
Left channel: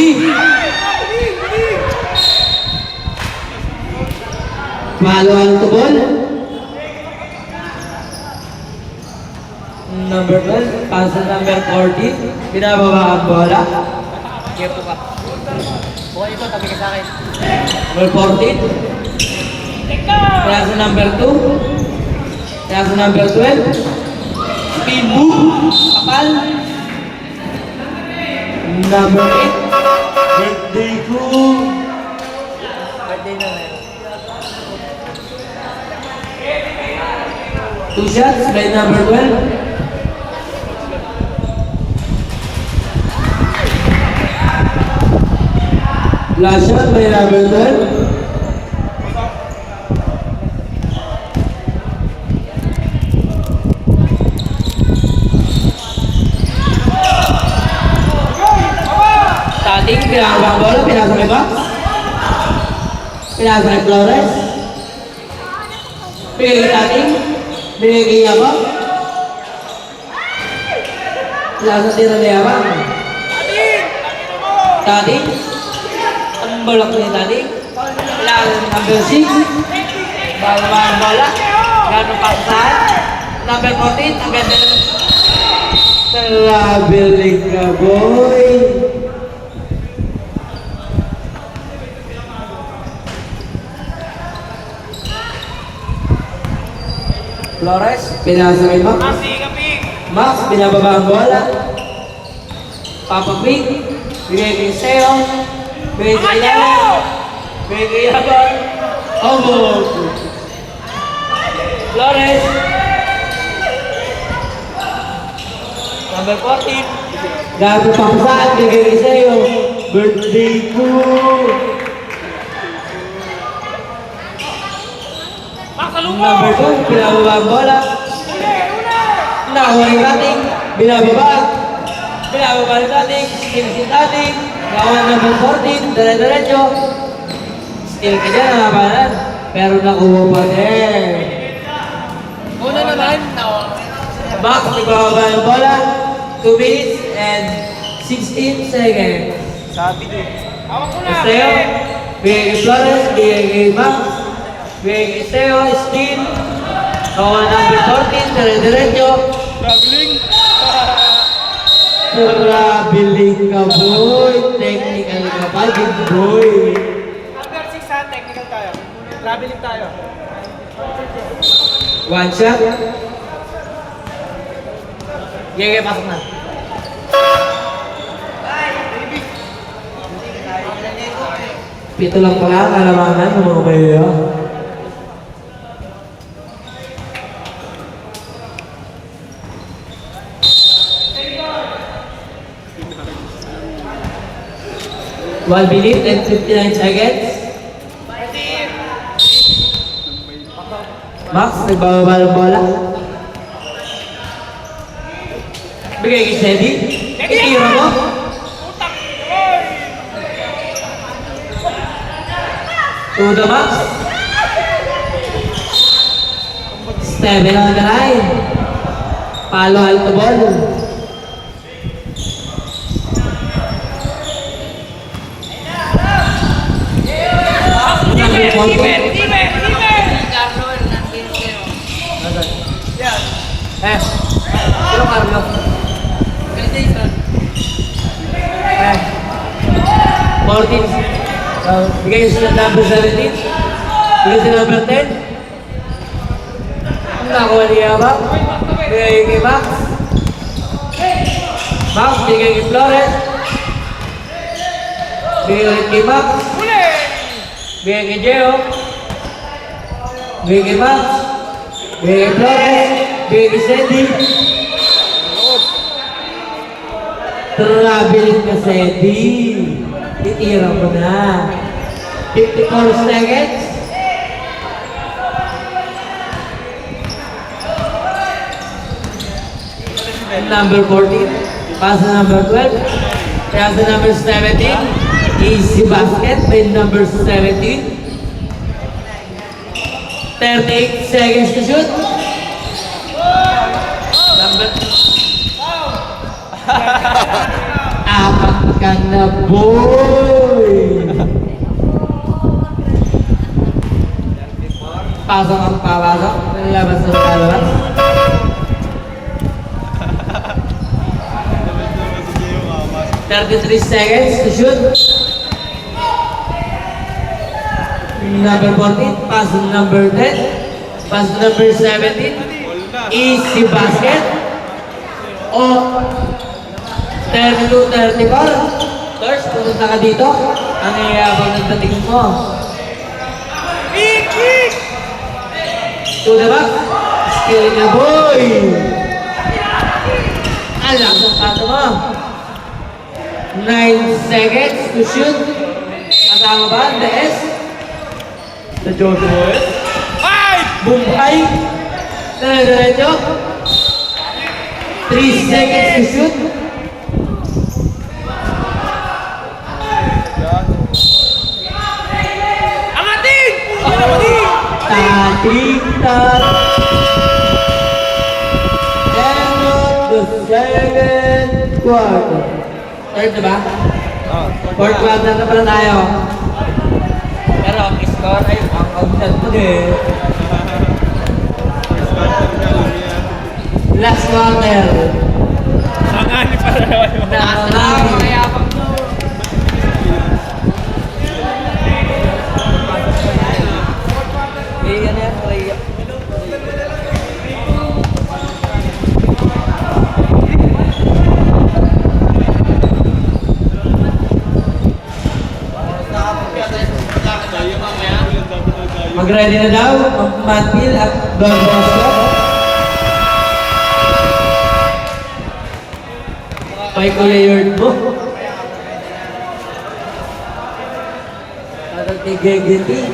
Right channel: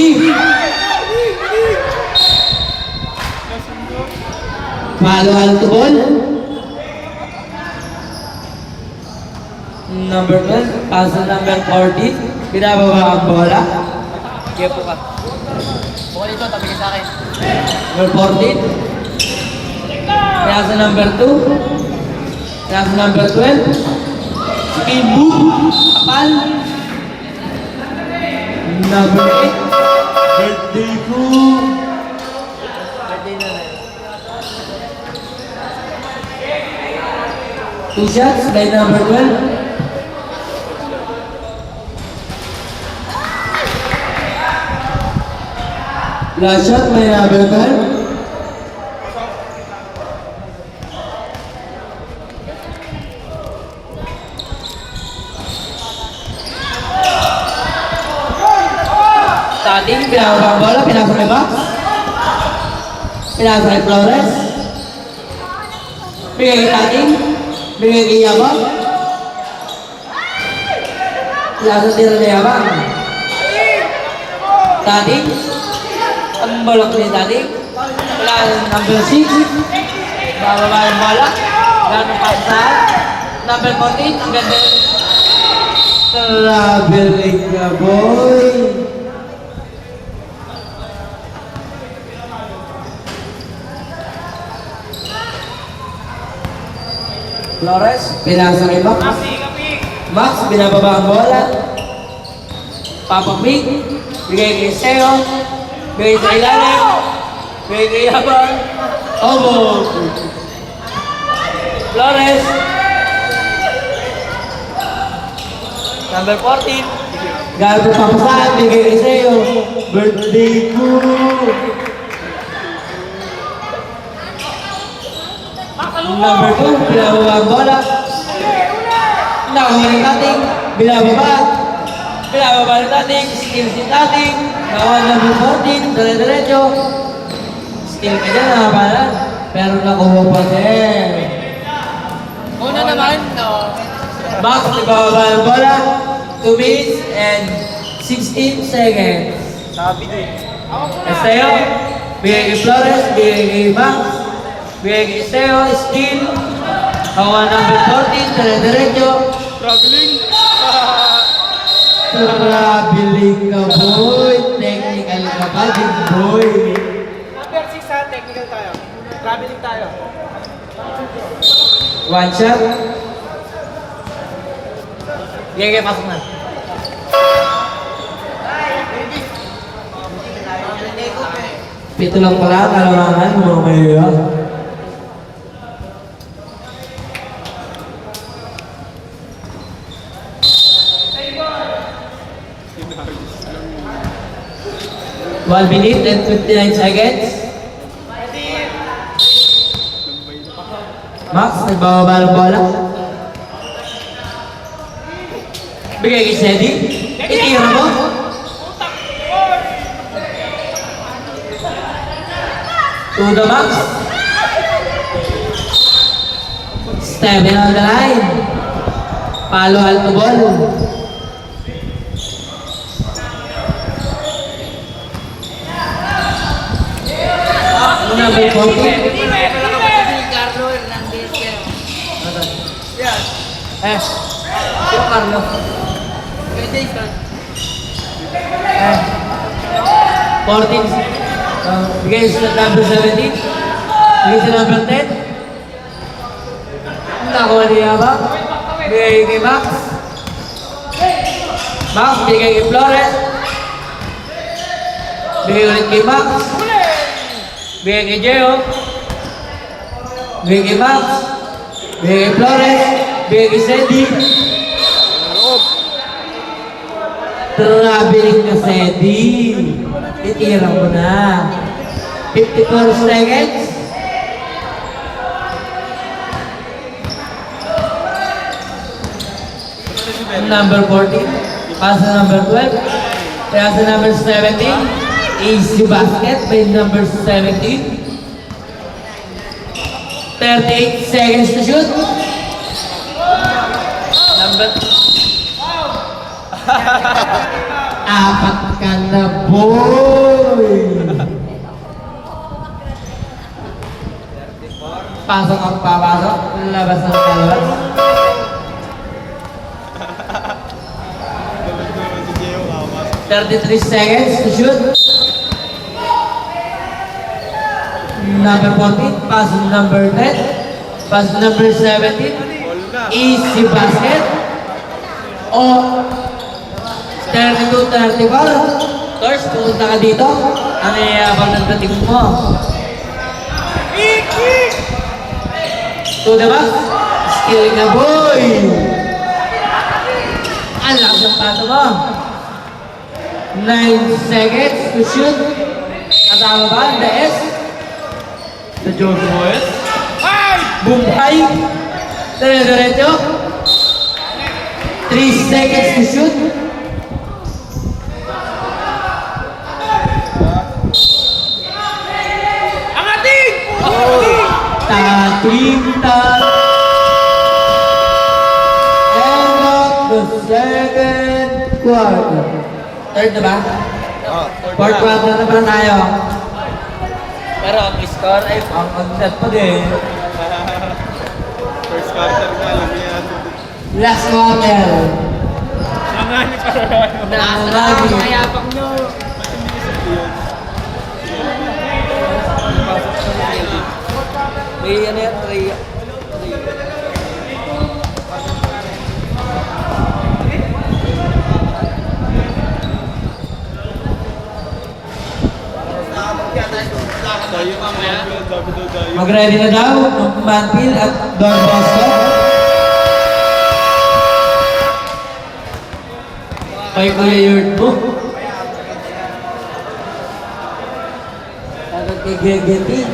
Follow to ball. Number 12, pass number 40. Binababa ang bola. Kepo ka. Bukan ito, tabi ka sa akin. Number 40. Pass number 2. Pass number 12. Speed move. Kapal. Number 8. Birthday ko. Birthday na rin. 2 shots by number 12. Last shot by number 12. Tating, pinasa ang bola, pinasa kay Max. Pinasa kay Flores. Bigay kay Tating. Bigay kay Yabang. Lasa tira ni Abang. Tating. Ang balak ni Tating. Wala number 6. Bababa ang bola. Gano'n pa saan. Number 14. Ang ganda. Traveling ka, boy. Flores, pinasa kay Max. Max, binababa ang bola. Papa Mick, bigay kay Seo. Bigay sa ilalim. Bigay kay Habang. Obo. Flores. Number 14. Gabi pa ko saan, bigay kay Seo. Birthday ko. Number 2, binababa ang bola. Nakuha yung dating, binababa. Binababa yung dating, skill si dating. Nakuha number 14, dire-diretso. Skill ka dyan, nakabalan. Pero nakuha pa din. Una naman, no. Max, nagbababa ang bola. 2 minutes and 16 seconds. Sabi doon. Esteo, bigay kay Flores, bigay kay Max. Bigay kay Esteo, skill. Nakuha number 14, dire-diretso. Traveling. Traveling ka, boy. Technical ka pa, good boy. Number 6 ha, technical tayo. Traveling tayo. One shot. Gaya pasok na. Pito lang pala, kalamangan mo kayo. One minute and 59 seconds. Max, nagbababa ng bola. Bigay kay Sedi. Itira mo. To the Max. Steven on the line. Palo alto ball. Number 14. Pero Carlo. Eh, 14. Bigay sa number 17. Bigay sa number 10. Nakuha niya ba? Bigay kay Max. Max, bigay kay Flores. Bigay ulit kay Max. Bigay kay Gio. Bigay kay Max. Bigay kay Flores. Bigay kay Sandy. Traveling ka, Sandy. Itira mo na. 54 seconds. Number 14. Pass to number 12. Pass to number 17. Easy basket by number 17. 38 seconds to shoot. Number... Apat ka na, boy! Pasok ang papasok. Nalabas na nalabas. Naman si Gio kapas. 33 seconds to shoot. Number 14, pass to number 10. Pass to number 17. All na. Easy basket. O 32-34. Torch, pumunta ka dito. Ano yung ng dating mo? To the back. Skill na, boy! Ang lakas ng pato mo. 9 seconds to shoot. Kasama ba? The S. The George Boys. Bumpay. Diretso. 3 seconds to shoot. Tating-tang. End of the second quarter. Third na ba? Oh. Fourth quarter na pala tayo. Pero ang score ay ang concept pa din. First quarter ka lang yan. Last quarter. Nangani pa rin. Nakangani. Mayabang mo. Pasok pa din. May ano yan, try. Tayo ang mga dapat daw tayo. Mag-ready na daw ang Manpil at Don Bosco. Kay Kuya Yurt mo. Tatag kay Gegeti.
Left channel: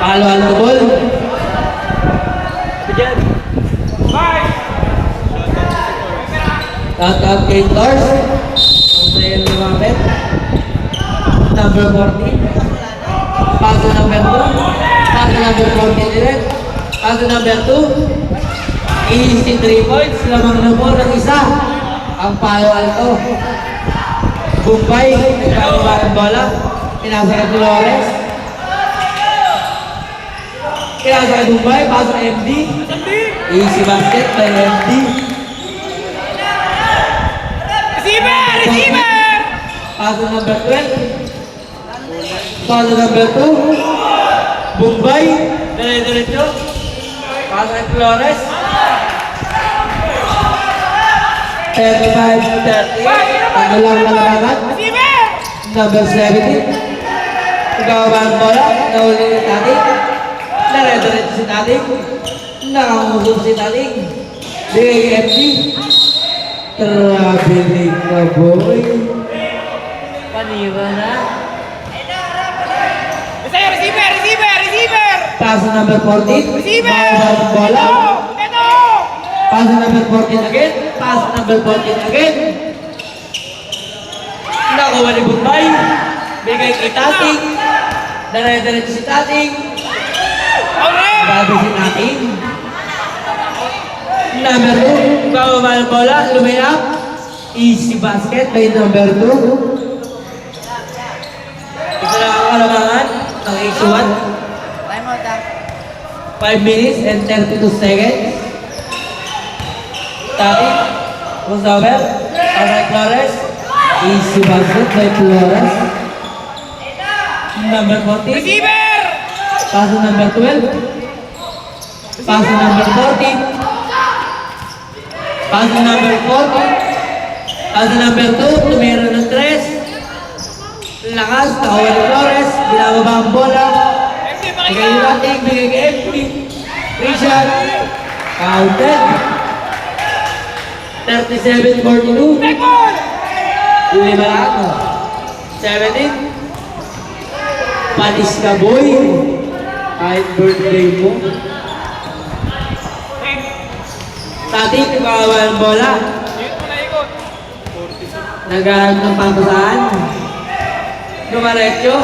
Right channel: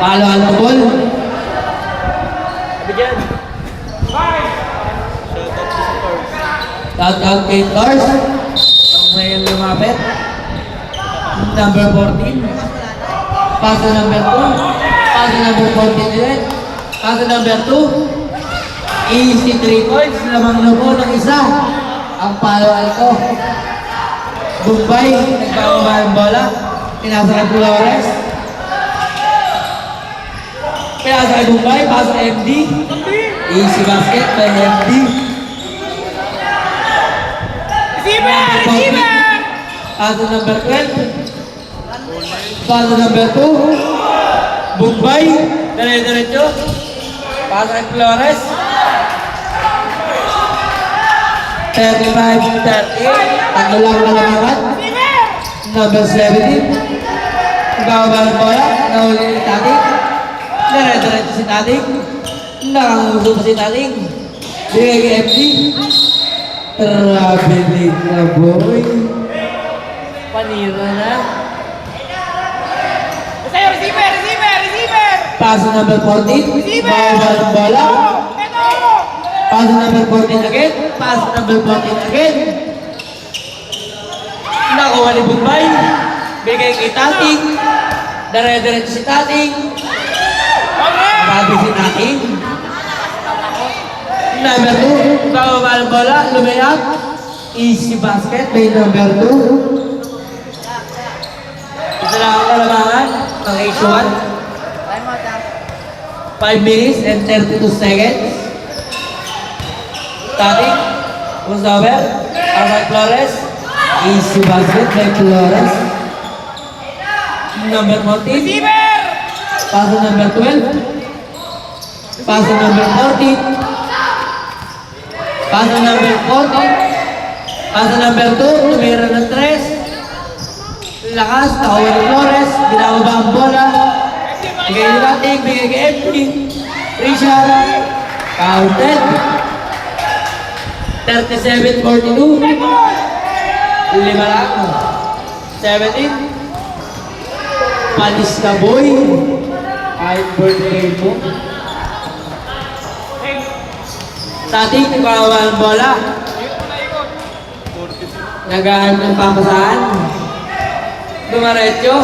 Palo al ball. Sabi dyan. Shout out kay Tors. Ang may lumapit. Number 14. Paso number 2. Paso number 14 ulit. Paso number 2. Easy 3 points. Lamang lumo ng isa. Ang Palo Alto. Bombay. Ipapaba ang bola. Pinasa kay Flores. Pinasa kay Bombay. Paso kay MD. Easy basket kay MD. Receiver! Receiver! Paso number 12. Paso number 2. Bombay. Dire-diretso. Paso kay Flores. 35-38. Ang ulang na naman. Number 17. Ibababa ang bola. Nahuli ni Tating. Dire-diretso si Tating. Nakangusap si Tating. Bigay kay FG. Traveling na boy. Panira na. Sa'yo, receiver! Receiver! Receiver! Paso number 14. Ibababa ang bola. Paso number 14 again. Paso number 14 again. Nakuha ni Bombay. Bigay kay Tating. Dire-diretso si Tating. Grabe si Tating. Number 2. Bababa ng bola. Lumayap. Easy basket by number 2. Ito lang ang kalamangan. Ang H1. 5 minutes and 32 seconds. Tating. Who's over? Outside Flores. Easy basket by Flores. Number 14. Receiver! Paso number 12. Paso number 14. Paso number 14. Paso number 2. Tumira ng 3. Lakas. Nakuha ni Flores. Binababa ang bola. Bigay ni Tating. Bigay kay FB. Richard. Counted. 37-42. Lima lang. 17. Panis ka, boy. Kahit birthday mo. Tating, nagbawa ang bola. Naghahanap ng papasahan. Dumaretso.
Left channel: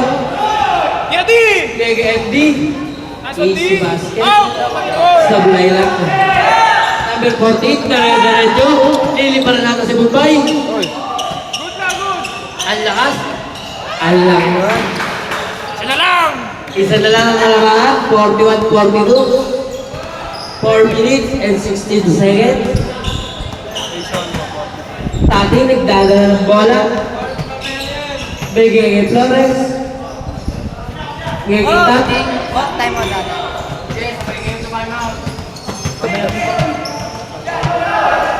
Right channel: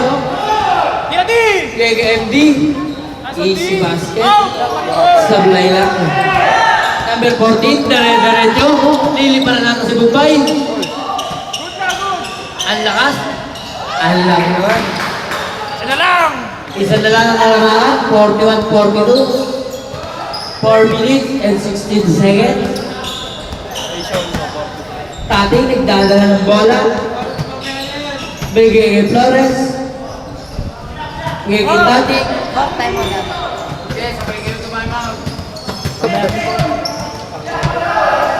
Yadi! KGMD. Easy basket. Sablay lang. Number 14, dire-diretso. Niliparan natin si Bombay. Ang lakas. Ang lakas. Ano lang? Isa na lang ang alamaan. 41-42. 4 minutes and 16 seconds. Tating nagdadala ng bola. Bigay kay Flores. Bigay kay Tating.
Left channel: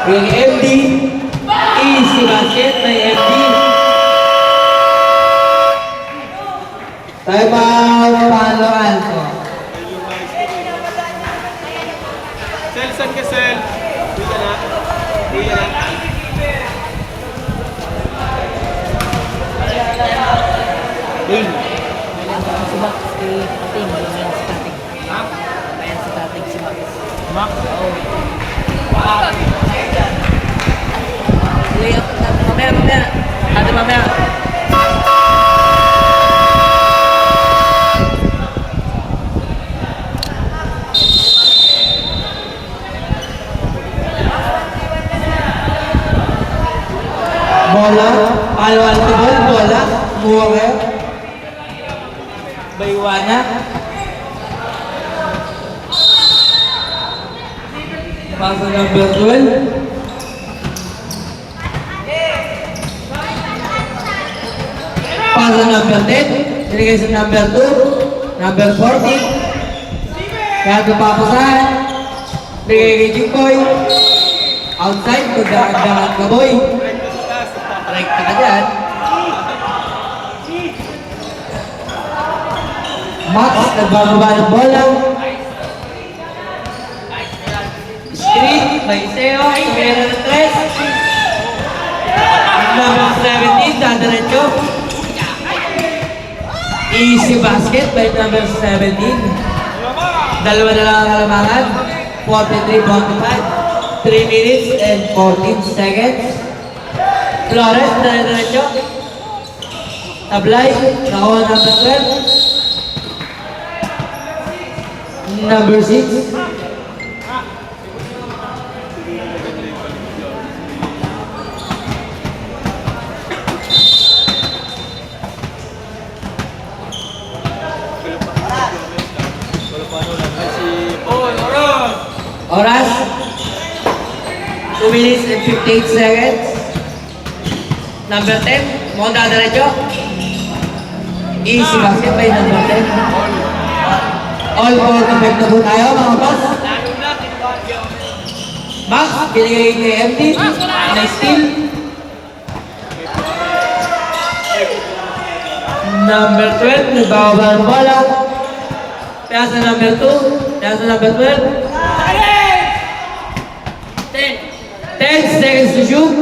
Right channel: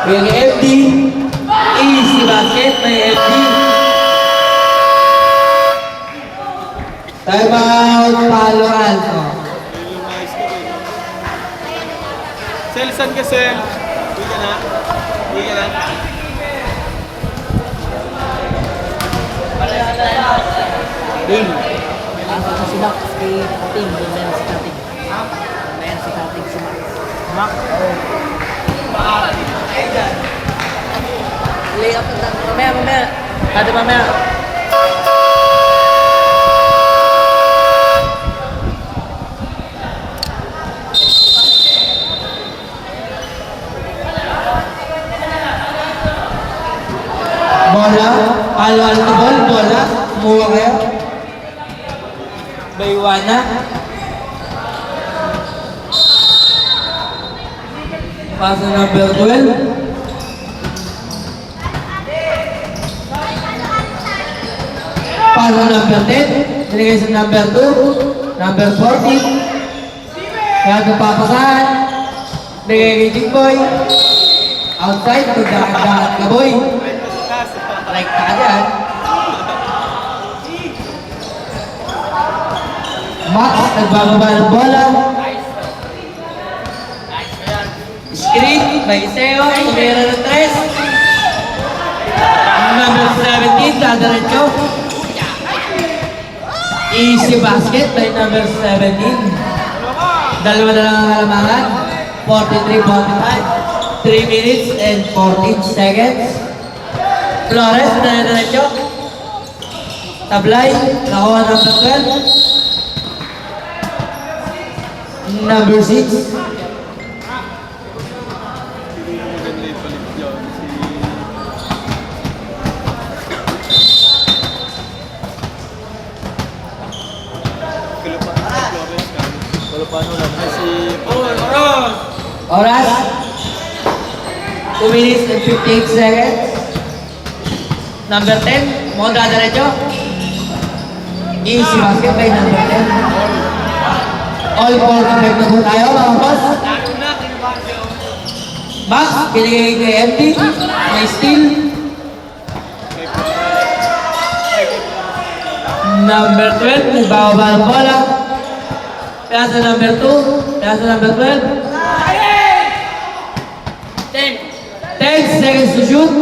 Bigay kay FD. Easy basket by FD. Time out, Palo Alto. Sel, saan ka, Sel? Uwi ka na. Uwi ka na. Ding. Si Max, si Tating. Ding yan si Tating. Ayan si Tating, si Max. Max? Oo. Lay up na. Mamaya. Ate, mamaya. bola. Palo alto ball, bola. Kumuha kayo. Baywana. Pass number 12. Pass number 10. Binigay sa number 2. Number 14. Bago papasahan. Binigay kay Jingboy. Outside, magdakat-dakat ka boy. Right na sa taas. Like ka agad. Max, nagbababa ng bola. Screen, may Iseo, tumira ng 3. Number 17, dadaretso. Easy basket by number 17. Dalawa na lang ang kalamaran. 43-45. 3 minutes and 14 seconds. Flores, dadaretso. Tablay, nakuha ng 12. Number 6. Maganda yung palit niyo. Wala pa ano lang. Si Oras. 2 minutes and 58 seconds. Number 10. Mo dadaretso. Easy basket by number 10. All for the na po tayo mga boss. Max, binigay kay MD. May steal. Number 12, nagbababa ng bola. Kaya sa number 2, kaya sa number 12. 10 seconds to shoot.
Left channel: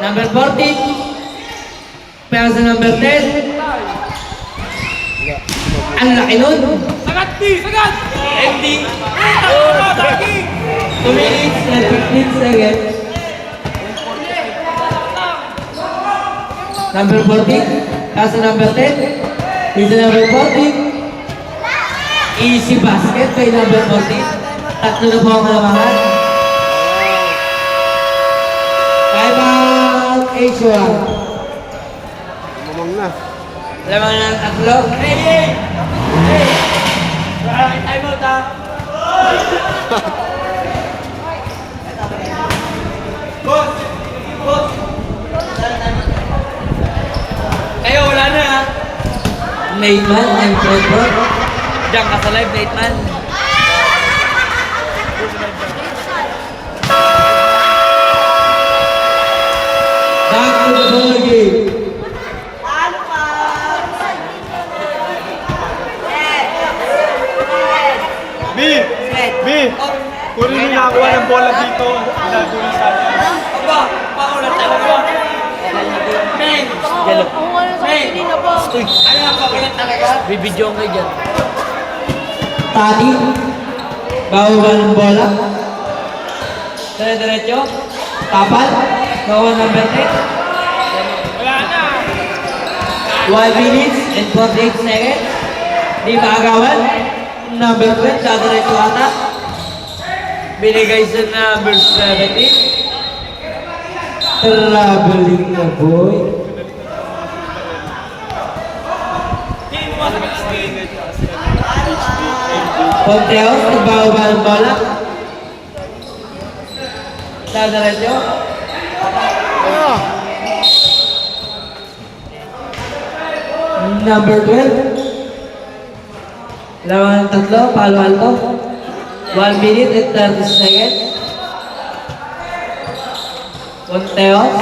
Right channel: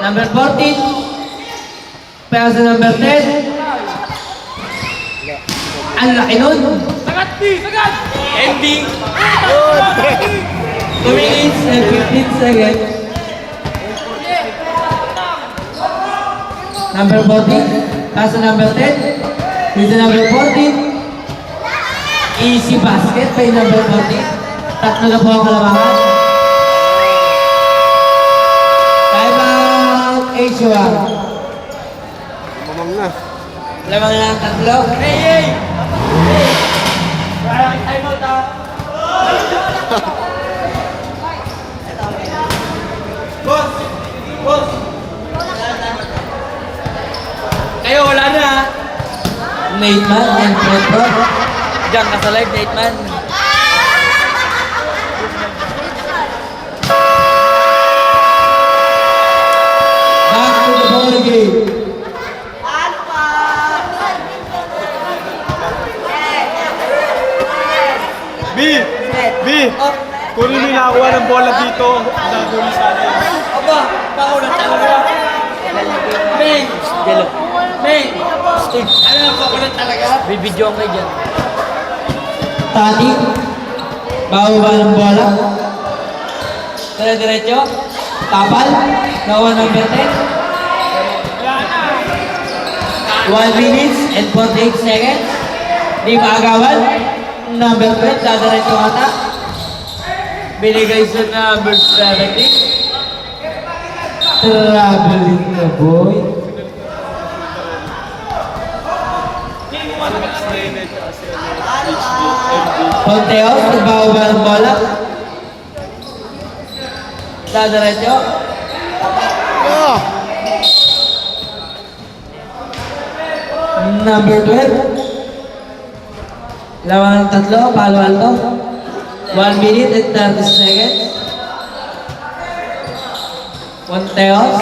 Number 14. Kaya sa number 10. Ang laki nun. Sagat, B! Sagat! MD! 2 minutes and 15 seconds. Number 14. Kaya sa number 10. Kaya sa number 14. Easy basket by number 14. Tatlo na po ang kalamangan. Time out, H1. mamang na. Lamang na ng tatlo. Time out ah. Kayo, wala na ha. Nate man and Fred bro. Diyan ka sa live, Nate man. Back to the ball game. B! B! Kunin nyo nakakuha ng bola dito. Naguli sa atin. Aba, paulat talaga. Ming! Jalo. Ming! Stoy. Ano ang paulat talaga? Bibidyo kayo dyan. Tati. Bababa ng bola. Dire-diretso. Tapal. Nakuha number 10. 12 minutes and 48 seconds. Di maagawan. Number 12. Dadiretso ata. Binigay sa number 17. Traveling na boy. Max na yun eh, tsaka si HB, MB. Ponteos. Nagbababa ng bola. Dadiretso. Number 12. Lamang ng tatlo, Palo Alto. 1 minute and 30 seconds. Ponteos.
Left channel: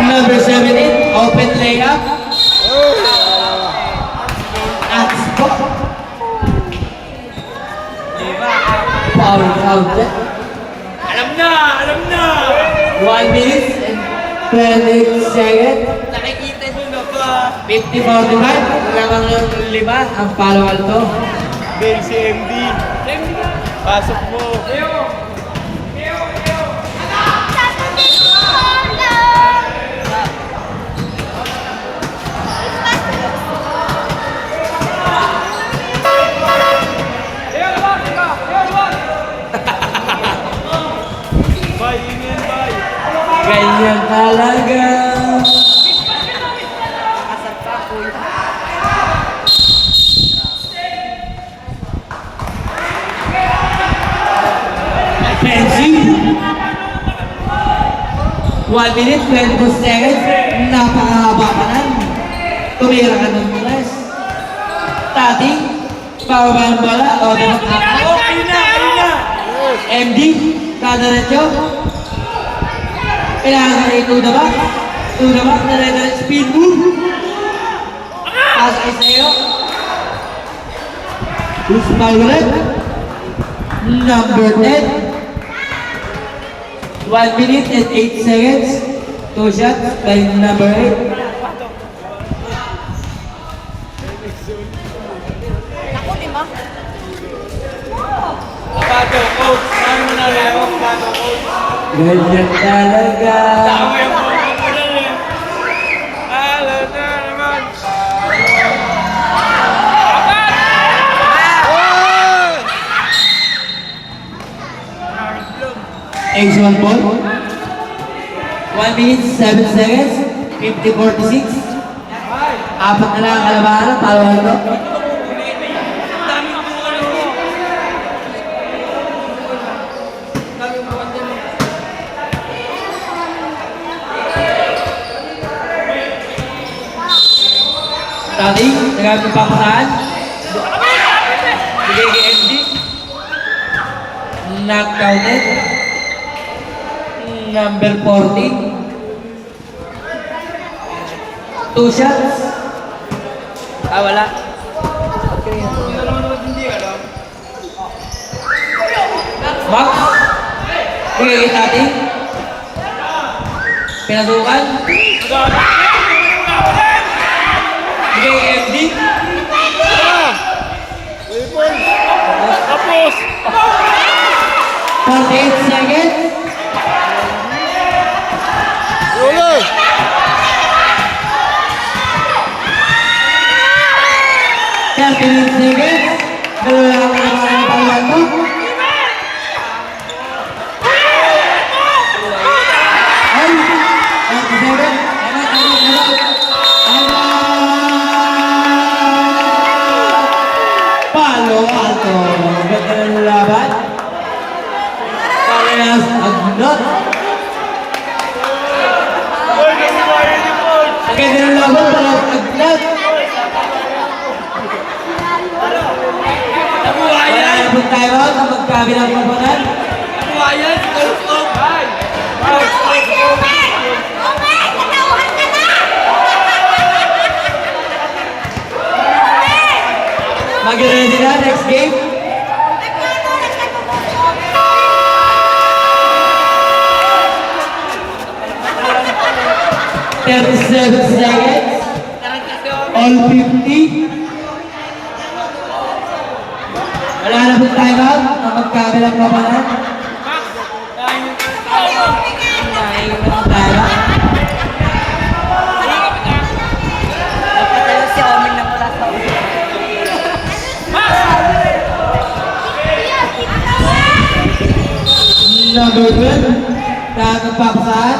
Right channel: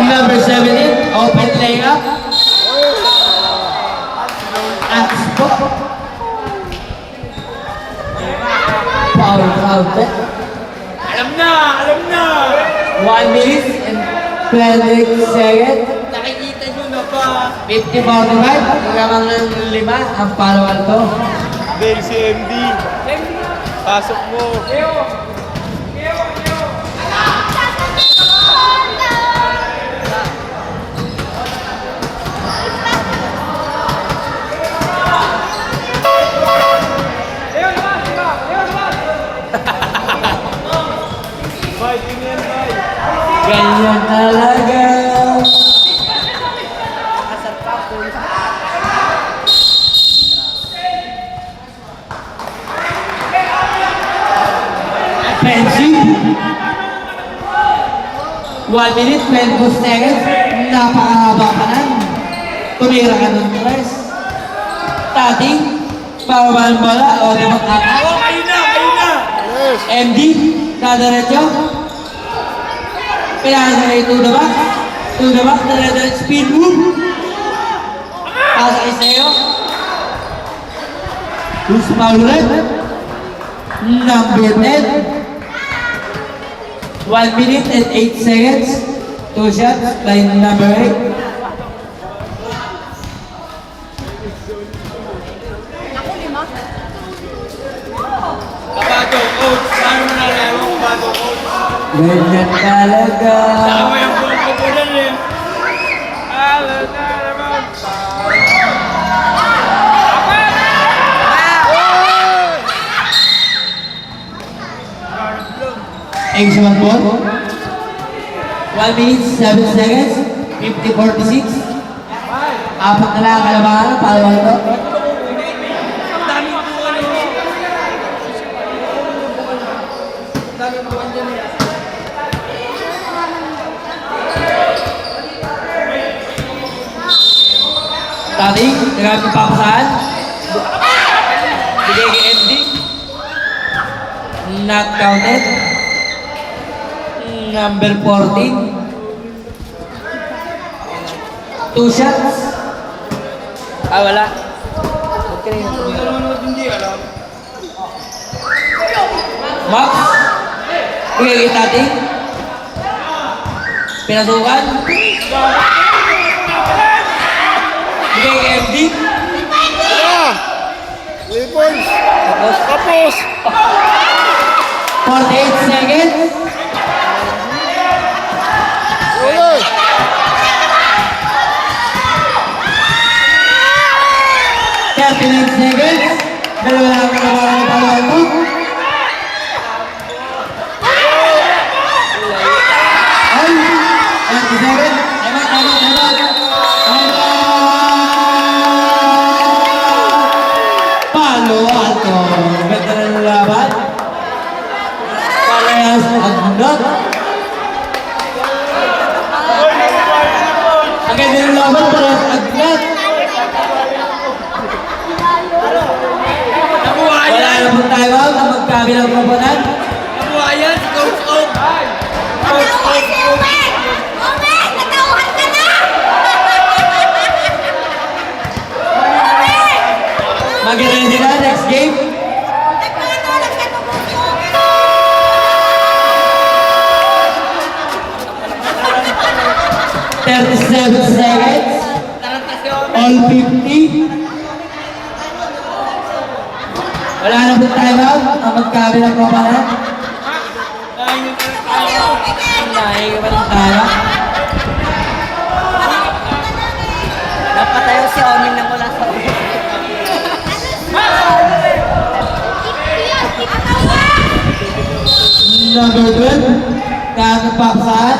Number 17, open layup. At spot. Foul po. Alam na! Alam na! 1 minute and 20 seconds. Nakikita nyo na ba? 50-41, lamang ng 5 ang Palo Alto. Doon si MD. Pasok mo. Ganyan talaga. Nakasarpa po yun. Offensive. 1 minute, 22 seconds. Napakahaba pa nan. Tumira ka ng tres. Tating. Pababa ang bola. O, tumakata. Oh, ayun na, ayun na. Yes. MD. Dadaretso. Kailangan na ito the box. To the box. Dadaretso. Spin move. Pasok sa'yo. Who's foul ulit? Number 10. 1 minute and 8 seconds. 2 shots by number 8. Bago, coach. Paano mo nalawang bago, coach? Ganyan talaga. Tama yung buko ko na rin. Ano na naman? Ace one ball. 1 minute, 7 seconds. 50-46. Apat na lang ang kalabahan. Palawan ko. Ang daming buko na mo. Ang daming buwan dyan eh. Dating, nagamit pa ako saan? Bigay kay MD. Not counted. Number 14. 2 shots. Ah, wala. Ba't kanina tumira? Nanonood hindi alam. Max. Bigay kay Tating. Pinasukan. Bigay kay MD. Yeah. Ipon. Tapos. 48 seconds. Uli. 39 seconds. Dalawa lang ang kalabahan ng palawan ko. Ay! 27. Tama. Palo alto. Ganda ng laban. Parehas agnat. Ang ganda ng laban, parehas agnat. Wala na pong time out na magkabilang kapanan. Nabuhayan, coach, coach. Coach, coach, coach. Mag-ready sila next game. Thirty-seven seconds. All 50. Wala na pong time out na magkabilang kapanan. Dahil yung time out. Napatayo si Amin na mula sa Number 12. Kakang papasahan.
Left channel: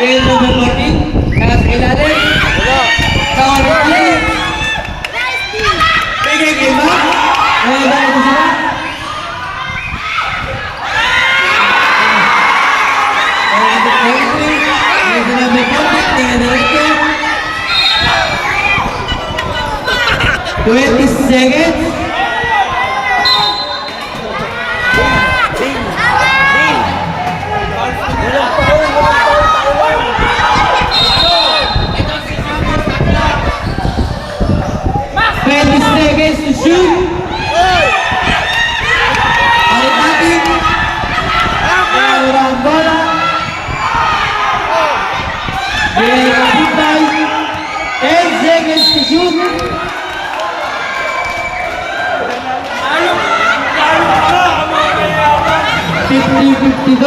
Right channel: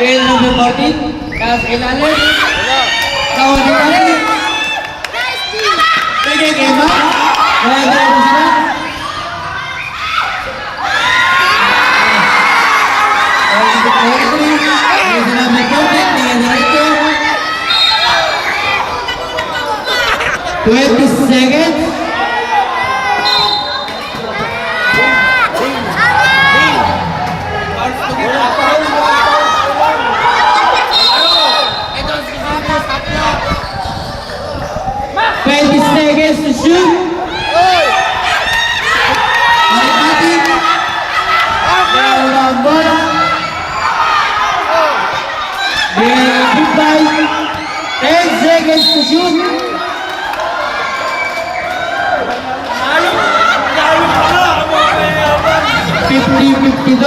Kaya number 14. Para sa ilalim. Kawan ng talim. Bigay kay Max. Kaya ba ito si Max? Number 23. Kaya si number 14. Tingnan na ito. 20 seconds. Wala pa rin. Walang taon lang. Ito ang susunod mo sa atla. 20 seconds to shoot. Hey! Ay ating dalawang bola. Bigay ng goodbye. 10 seconds to shoot. Ayun! Ayun ka! Ang mga mayabang! 50-52.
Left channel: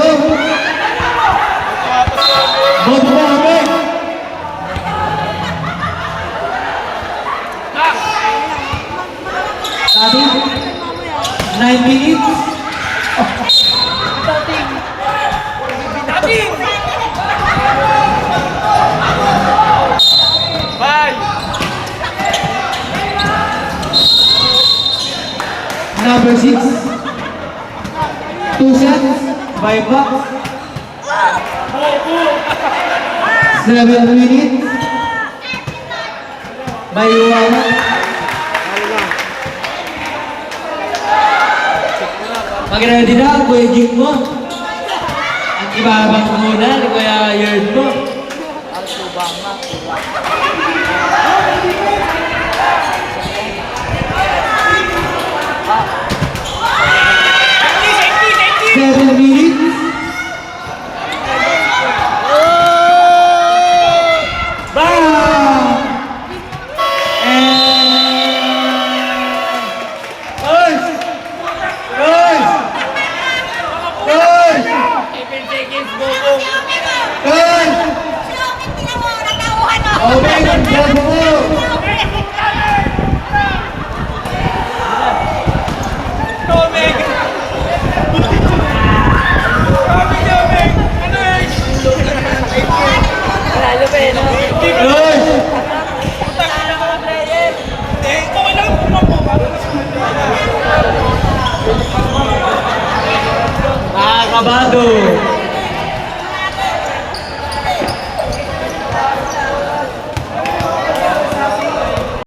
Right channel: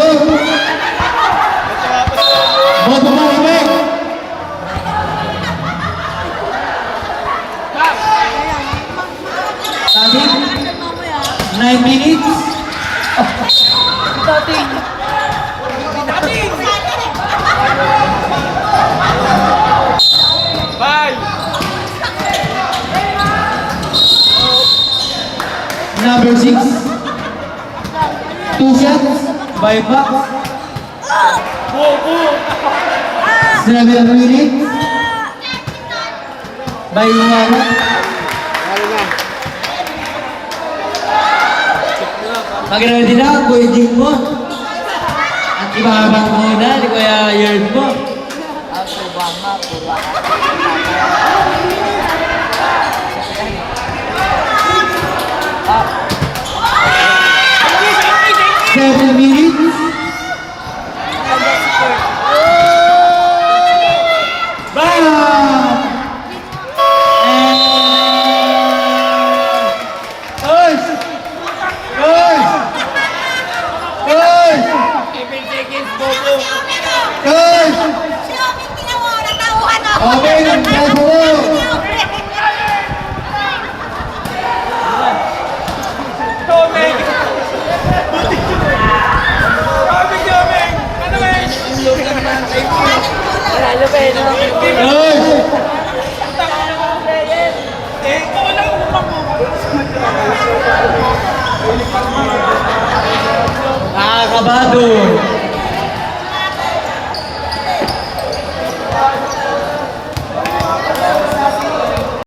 Bobo mo kami. Sabi, 9 minutes. Dating. Bye! Number 6. 2 shots by Buck. 7 minutes by Iwana. Pag-ready na, Kuya Jing mo. At ibabang muna ni Kuya Yerd mo. Seven minutes. Bam! Guys! Guys! Guys! Guys! Okay, let's go! Lalo pa eh, no? Guys! Mga kabado,